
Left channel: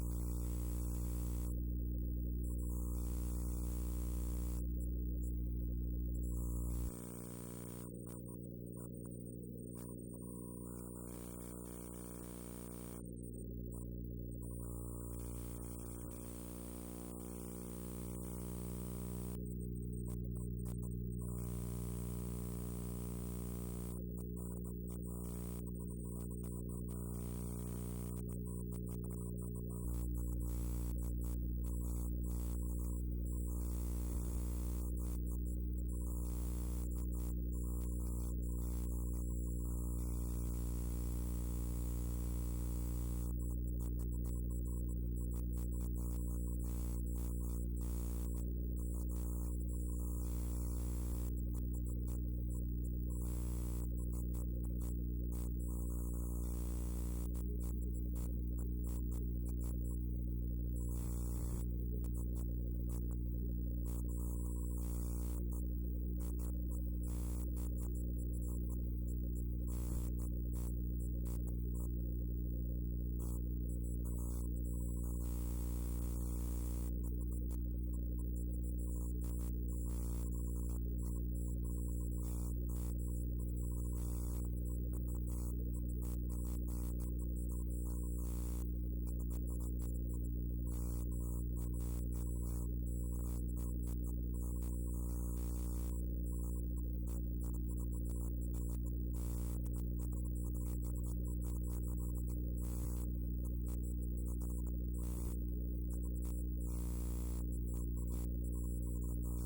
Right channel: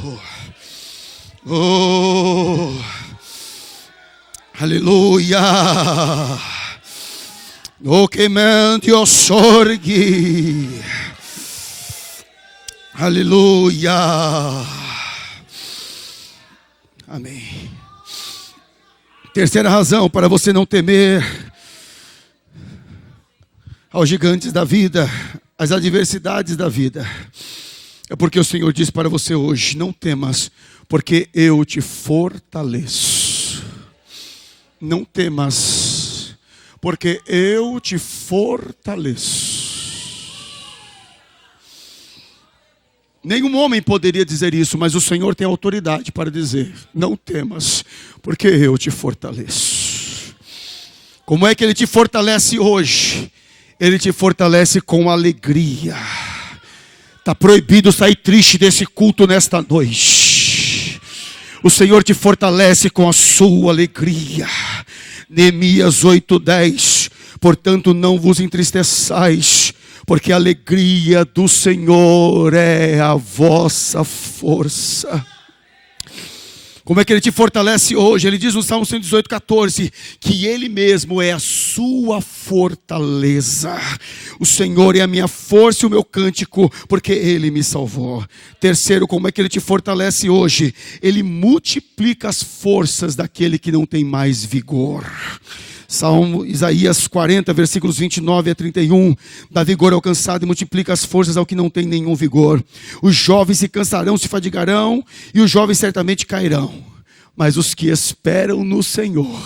oh, aleluia. O que mente o sorgue. Aleluia. Amém. Terceira razão para você não temer aos gigantes da vida, às adversidades da vida, é porque o Senhor diz para você hoje: não temas, porque eu te fortaleço. Não temas, porque eu te fortaleço. Nenhum homem poderia dizer isso, mas o Senhor tem autoridade para dizer: não temas, porque eu te fortaleço. Como é que Ele te fortalece hoje? Ele te fortalece com alegria. Está proibido sair triste desse culto nesta noite. O Senhor te fortalece com a sua alegria. Neemias 8:10. Portanto não vos entristeçais, porque a alegria do Senhor é a vossa força. Como é que Ele te fortalece hoje? Ele diz no Salmo 118:14, que Ele mesmo é a sua fortaleza. O Senhor é a minha força e o meu cântico, porque Ele me salvou. Terceiro, como é que Ele te fortalece hoje? Ele multiplica as forças daquele que não tem mais vigor. Salmo Isaías 40, versículos 29 a 31. Dá vigor ao cansado e multiplica as forças ao que não tem nenhum vigor. Os jovens se cansarão, se fadigarão, e os jovens certamente cairão. Mas os que esperam no Senhor,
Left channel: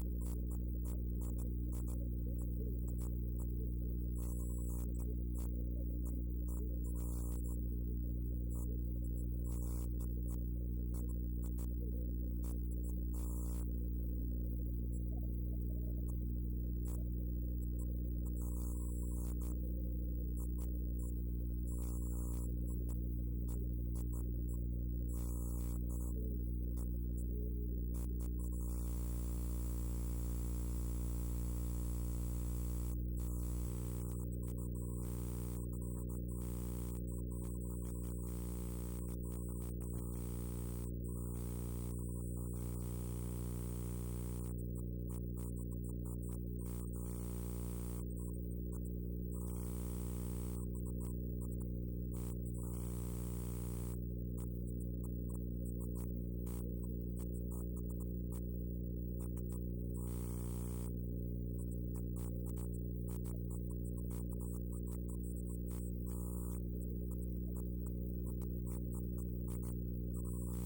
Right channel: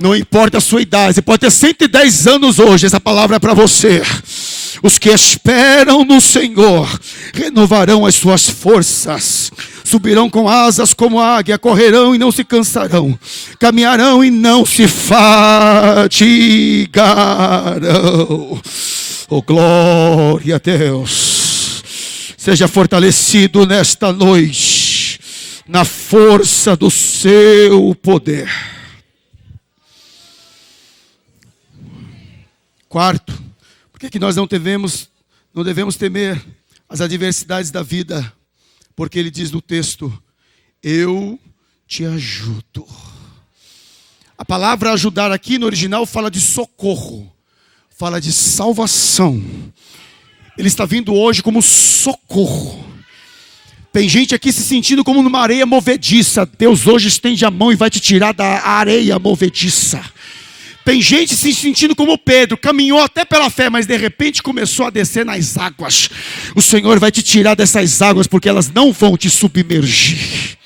não importa a sua idade, você pode ter 110 anos hoje, essa palavra é para você. Os que esperam no Senhor renovarão as suas forças, subirão com asas como a águia, correrão e não se cansarão, caminharão e não se fatigarão. Oh, glória a Deus! Seja fortalecido nesta noite, na força do seu poder. Quarto, por que nós não devemos temer as adversidades da vida? Porque Ele diz no texto: eu te ajudo. A palavra ajudar aqui no original fala de socorro, fala de salvação. Ele está vindo hoje como socorro. Tem gente aqui se sentindo como numa areia movediça. Deus hoje estende a mão e vai te tirar da areia movediça. Tem gente se sentindo como Pedro, caminhou até pela fé, mas de repente começou a descer nas águas. O Senhor vai te tirar dessas águas, porque elas não vão te submergir.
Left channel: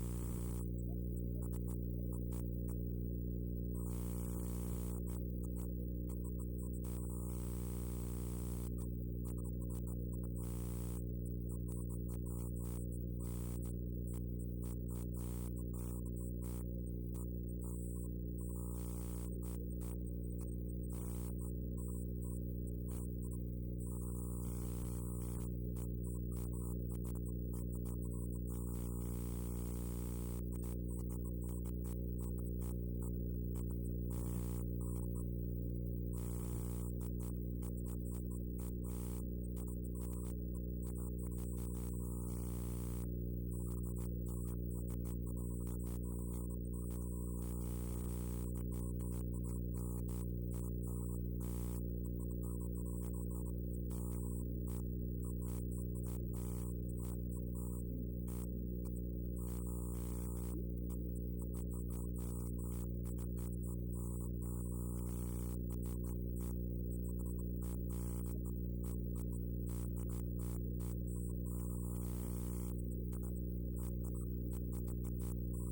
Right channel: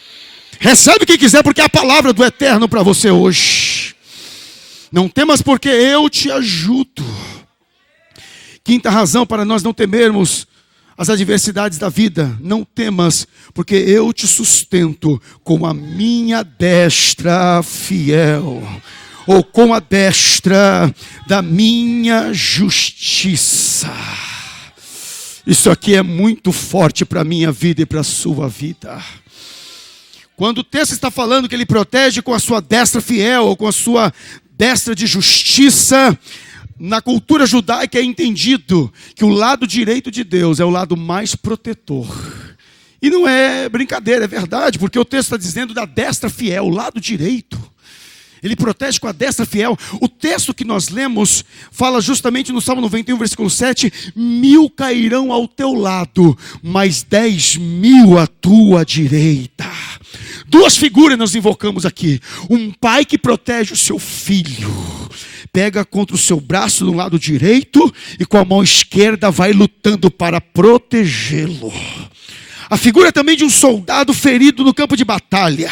Recebe quem quiser, porque é a palavra do Eterno para você hoje. Não temas, porque eu te ajudo. Quinta razão para nós não temermos as adversidades da vida: não temas, porque eu te sustento com a minha destra fiel, ou com a destra da minha justiça. Isso aqui é muito forte para a minha vida e para a sua vida. Quando o texto está falando que Ele protege com a sua destra fiel, ou com a sua destra de justiça, na cultura judaica é entendido que o lado direito de Deus é o lado mais protetor. E não é brincadeira, é verdade, porque o texto está dizendo da destra fiel, o lado direito. Ele protege com a destra fiel. O texto que nós lemos fala justamente no Salmo 91, versículo 7: 1000 cairão ao teu lado, mas 10.000 à tua direita. Duas figuras nós invocamos aqui: um pai que protege o seu filho, pega contra o seu braço no lado direito e com a mão esquerda vai lutando para protegê-lo. A figura também de um soldado ferido no campo de batalha.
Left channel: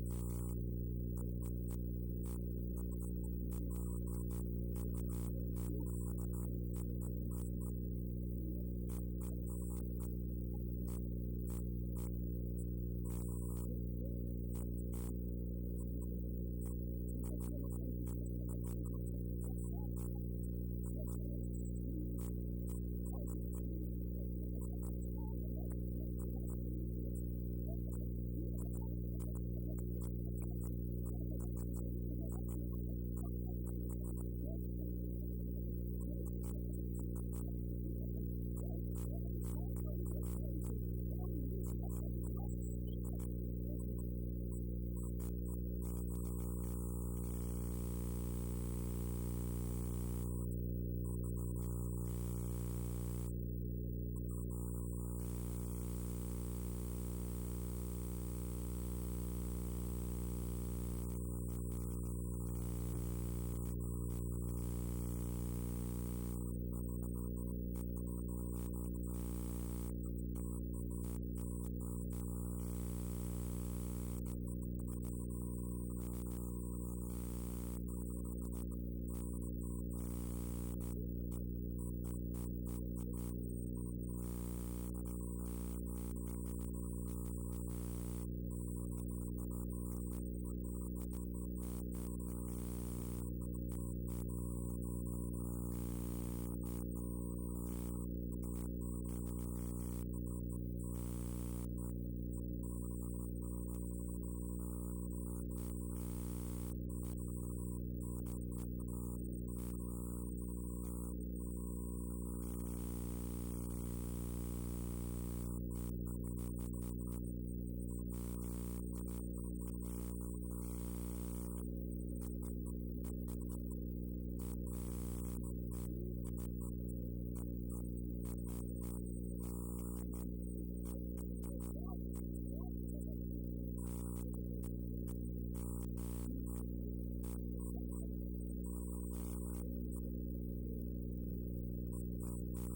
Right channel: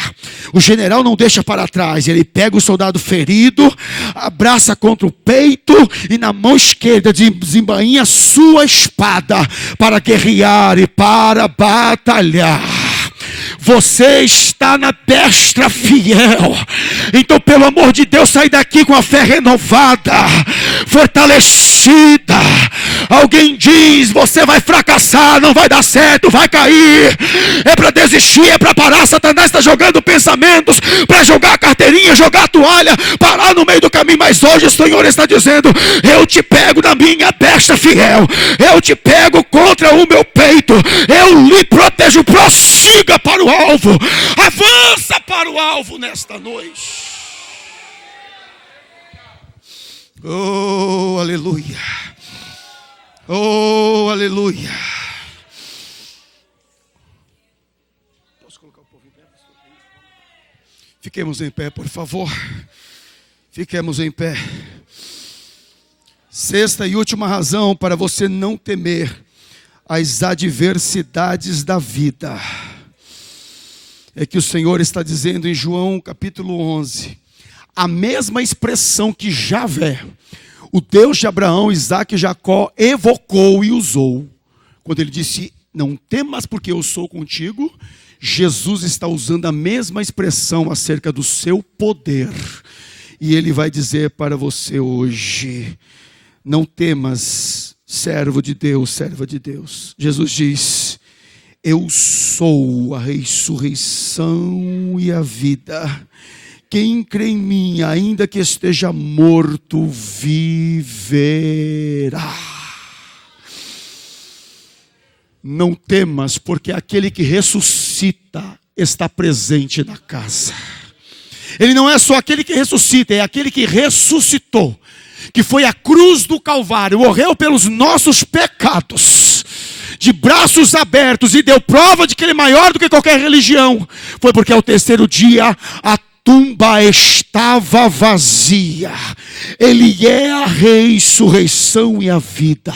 O general não deixa para trás, ele pega o soldado ferido, abraça contra o peito e na mão esquerda desembainha sua espada para guerrear e para batalhar. Você está na destra fiel. Então, pelo amor de Deus, sai daqui com a fé renovada, fortalecida. Alguém diz: você vai fracassar, não vai dar certo, vai cair, é para desistir, é para parar. Satanás está jogando pensamentos para jogar a carteirinha, jogar a toalha, parar no meio do caminho. Mas hoje o Senhor está dizendo: eu te pego na minha destra fiel, eu te pego contra o meu peito, eu lhe protejo. Prossiga para o alvo, avança para o alvo nesta noite. Oh, aleluia. Oh, aleluia. Fiquemos em pé, por favor. Fiquemos em pé. Sexta e última razão para você não temer as adversidades da vida: é que o Senhor está dizendo em João capítulo 11, a mesma expressão que Javé, o Deus de Abraão, Isaque e Jacó, evocou e usou, quando ele disse, não temas porque eu sou contigo. Jesus está usando a mesma expressão acerca do seu poder, e ele vai dizer para você hoje, não temas, servo de Deus, serva de Deus. Jesus diz, eu sou a ressurreição e a vida. Quem crê em mim, ainda que esteja morto, viverá. Não temas, porque aquele que ressuscita está presente na casa. Ele não é só aquele que ressuscita, é aquele que ressuscitou, que foi à cruz do Calvário, morreu pelos nossos pecados, de braços abertos, e deu prova de que ele é maior do que qualquer religião. Foi porque ao terceiro dia a tumba estava vazia. Ele é a ressurreição e a vida.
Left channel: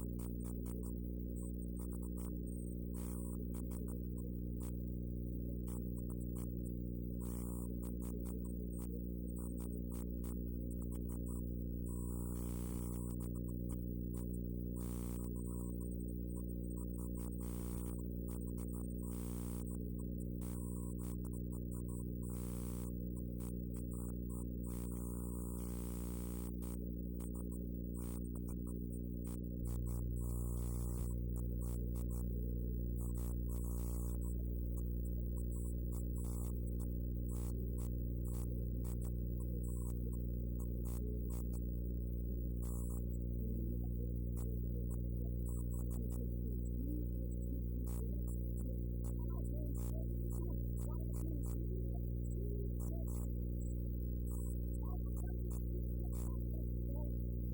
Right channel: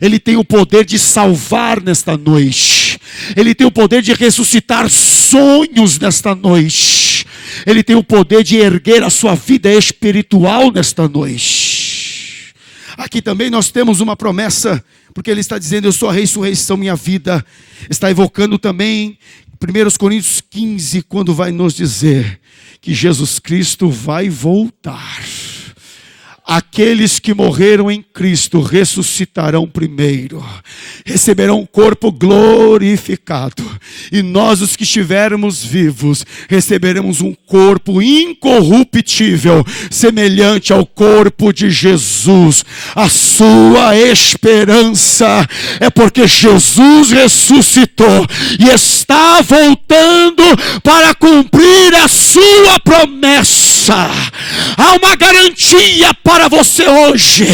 Ele tem o poder de salvar nesta noite. Ele tem o poder de ressuscitar sonhos nesta noite. Ele tem o poder de erguer a sua vida espiritual nesta noite. Aqui também nós temos uma promessa, porque ele está dizendo, eu sou a ressurreição e a vida. Está evocando também 1 Coríntios 15, quando vai nos dizer que Jesus Cristo vai voltar. Aqueles que morreram em Cristo ressuscitarão primeiro, receberão um corpo glorificado, e nós, os que estivermos vivos, receberemos um corpo incorruptível, semelhante ao corpo de Jesus. A sua esperança é porque Jesus ressuscitou e está voltando para cumprir a sua promessa. Há uma garantia para você hoje.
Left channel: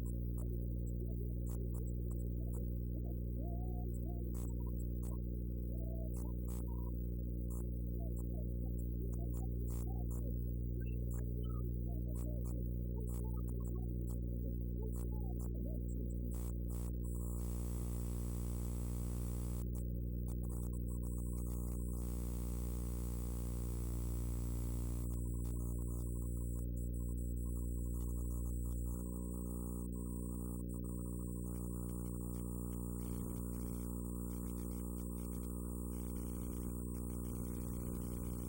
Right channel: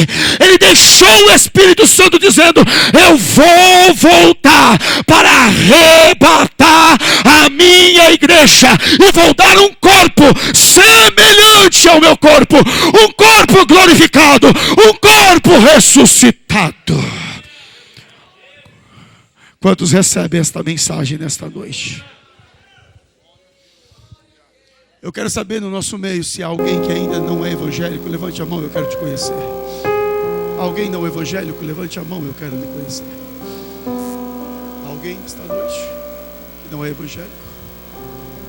Ele deixou o Espírito Santo dizendo, eu vou voltar para arrebatar a minha igreja, e vou dar um corpo semelhante ao meu corpo, um corpo glorificado, um corpo ressuscitado. Quantos recebem esta mensagem nesta noite? Eu quero saber no nosso meio se há alguém que ainda não é evangélico. Levante a mão, eu quero te conhecer. Alguém não evangélico, levante a mão, eu quero lhe conhecer. Alguém esta noite que não é evangélico?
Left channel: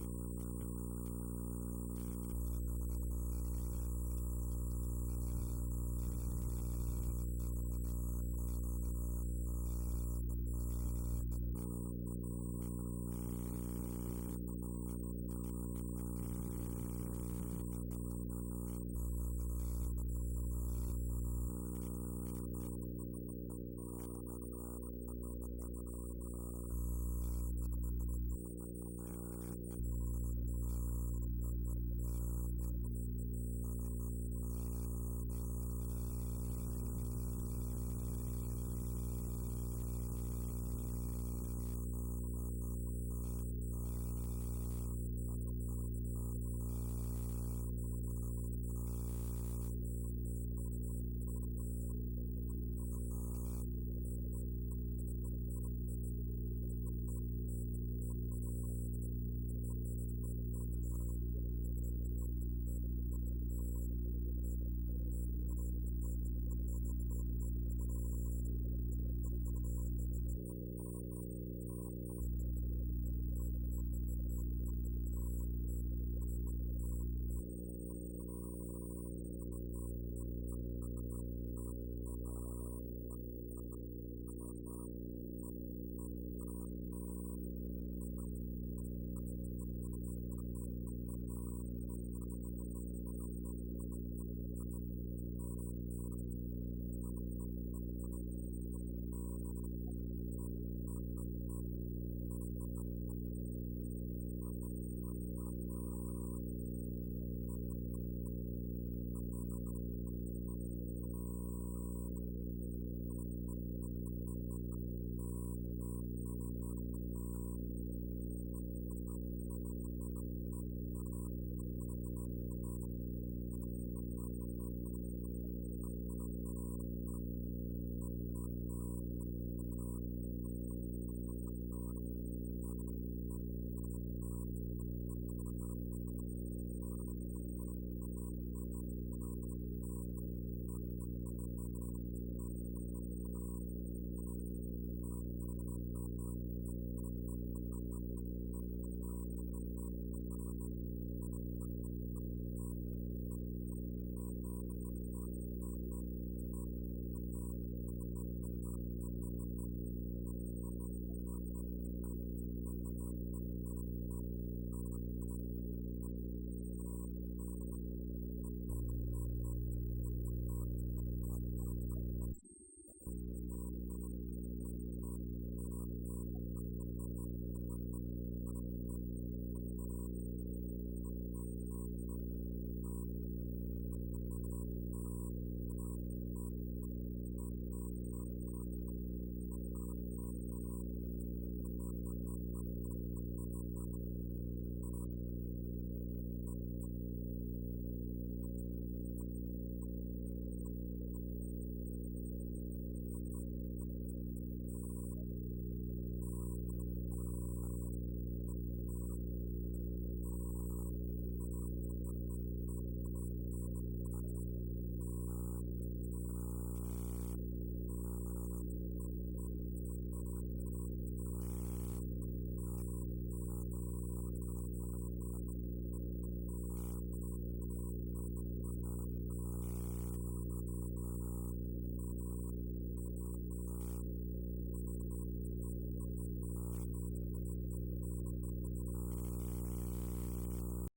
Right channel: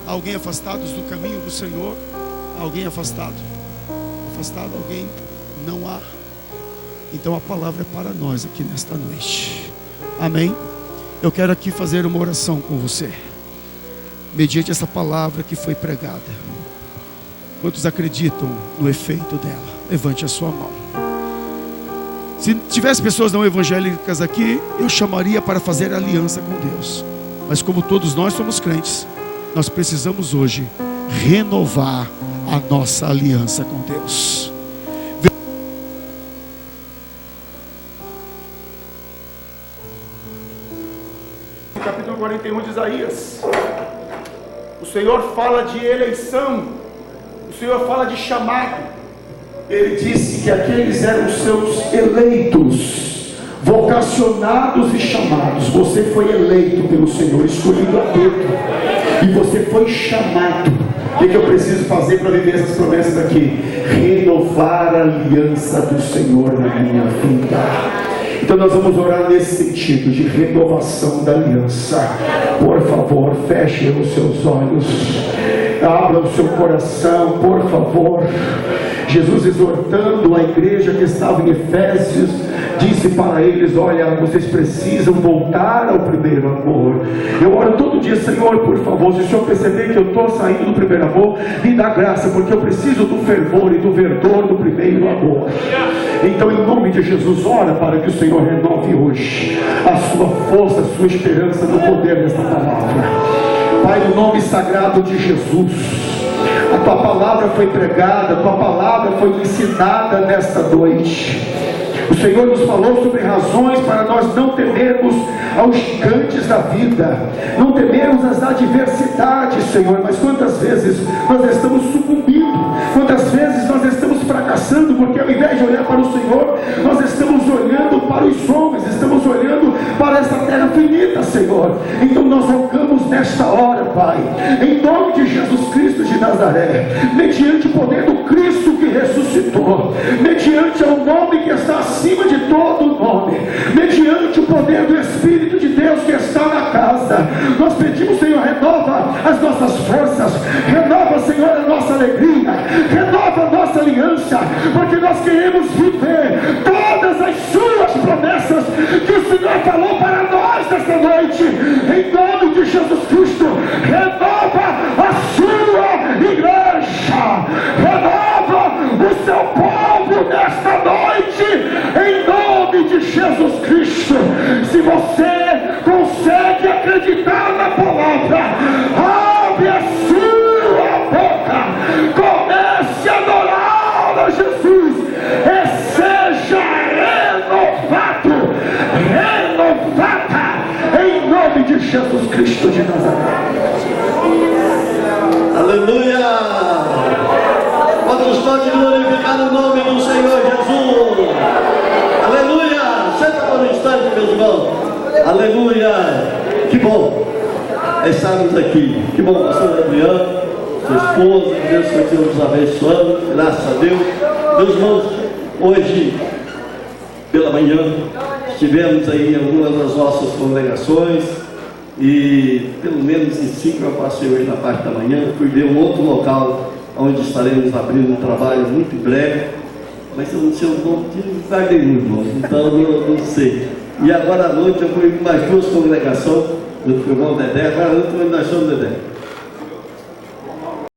Alguém afastado do caminho do Senhor? Alguém afastado? Afastado, alguém? Não há. Então a palavra é para nós aqui nesta noite. Amém? Eu quero aqui fazer uma oração com você, mediante essa palavra que foi pregada. Quantos acreditam no efeito dela? Levante a sua mão. Se tivesse pessoas não evangélicas aqui, eu chamaria para fazer aliança com Deus. Mas como todos nós somos crentes, nós precisamos hoje renovar a nossa aliança com Deus. Capítulo 41 de Isaías. O Senhor fala de eleição, o Senhor fala de chamado. Ele disse que aqueles eram os seus eleitos, vocacionados e chamados. Você foi eleito pelo Senhor, escolhido a dedo, e você foi chamado. O que eu preciso fazer para viver essas promessas aqui? Renovar a aliança do Senhor na minha vida. Então nós vamos orar nesse sentido de renovação da aliança. Por favor, feche os seus olhos, abra o seu coração, por favor. Jesus, exortando a igreja que estava em Efésios, disse para eles: olha, vocês precisam voltar ao primeiro amor. Eu oro todo dia: Senhor, por favor, se o Senhor perceber que eu estou saindo do primeiro amor, me dá graça, porque eu preciso do fervor e do verdor do primeiro amor. Então, em nome de Jesus, ora para que o Senhor renove hoje a sua força, a sua esperança no poder desta palavra. Pai, no nome sagrado de Jesus, a tua palavra foi pregada, a tua palavra foi ensinada nesta noite. O Senhor nos falou sobre razões para nós não temermos aos gigantes da vida, não temermos as adversidades, Senhor. Mas quantas vezes nós estamos sucumbindo, quantas vezes nós estamos fracassando, porque ao invés de olhar para o Senhor, nós estamos olhando para os homens, estamos olhando para essa terra finita, Senhor. Então nós rogamos clamamos nesta hora, Pai, em nome de Jesus Cristo de Nazaré, mediante o poder do Cristo que ressuscitou, mediante o nome que está acima de todo nome, mediante o poder do Espírito de Deus que está na casa, nós pedimos, Senhor, renova as nossas forças, renova, Senhor, a nossa alegria, renova a nossa aliança, porque nós queremos viver todas as suas promessas que o Senhor falou para nós nesta noite, em nome de Jesus Cristo. Renova a sua igreja, renova o seu povo nesta noite, em nome de Jesus Cristo. Se você consegue acreditar na palavra, abre a sua boca, comece a adorar a Jesus e seja renovada em nome de Jesus Cristo de Nazaré. Aleluia! Quantos podem glorificar o nome do Senhor Jesus? Aleluia! Senta por um instante, meus irmãos. Aleluia! Que bom estarmos aqui. Que bom, pastor Adriano, sua esposa, que Deus continue nos abençoando, graças a Deus. Meus irmãos, hoje, pela manhã, estivemos aí em algumas das nossas congregações e pelo menos em 5 eu passei hoje na parte da manhã, fui ver um outro local onde estaremos abrindo um trabalho muito em breve, mas eu não sei o nome de lugar nenhum, irmão, então não sei. E agora à noite eu fui em mais 2 congregações, junto com o irmão Dedé, agora à noite nós somos Dedé.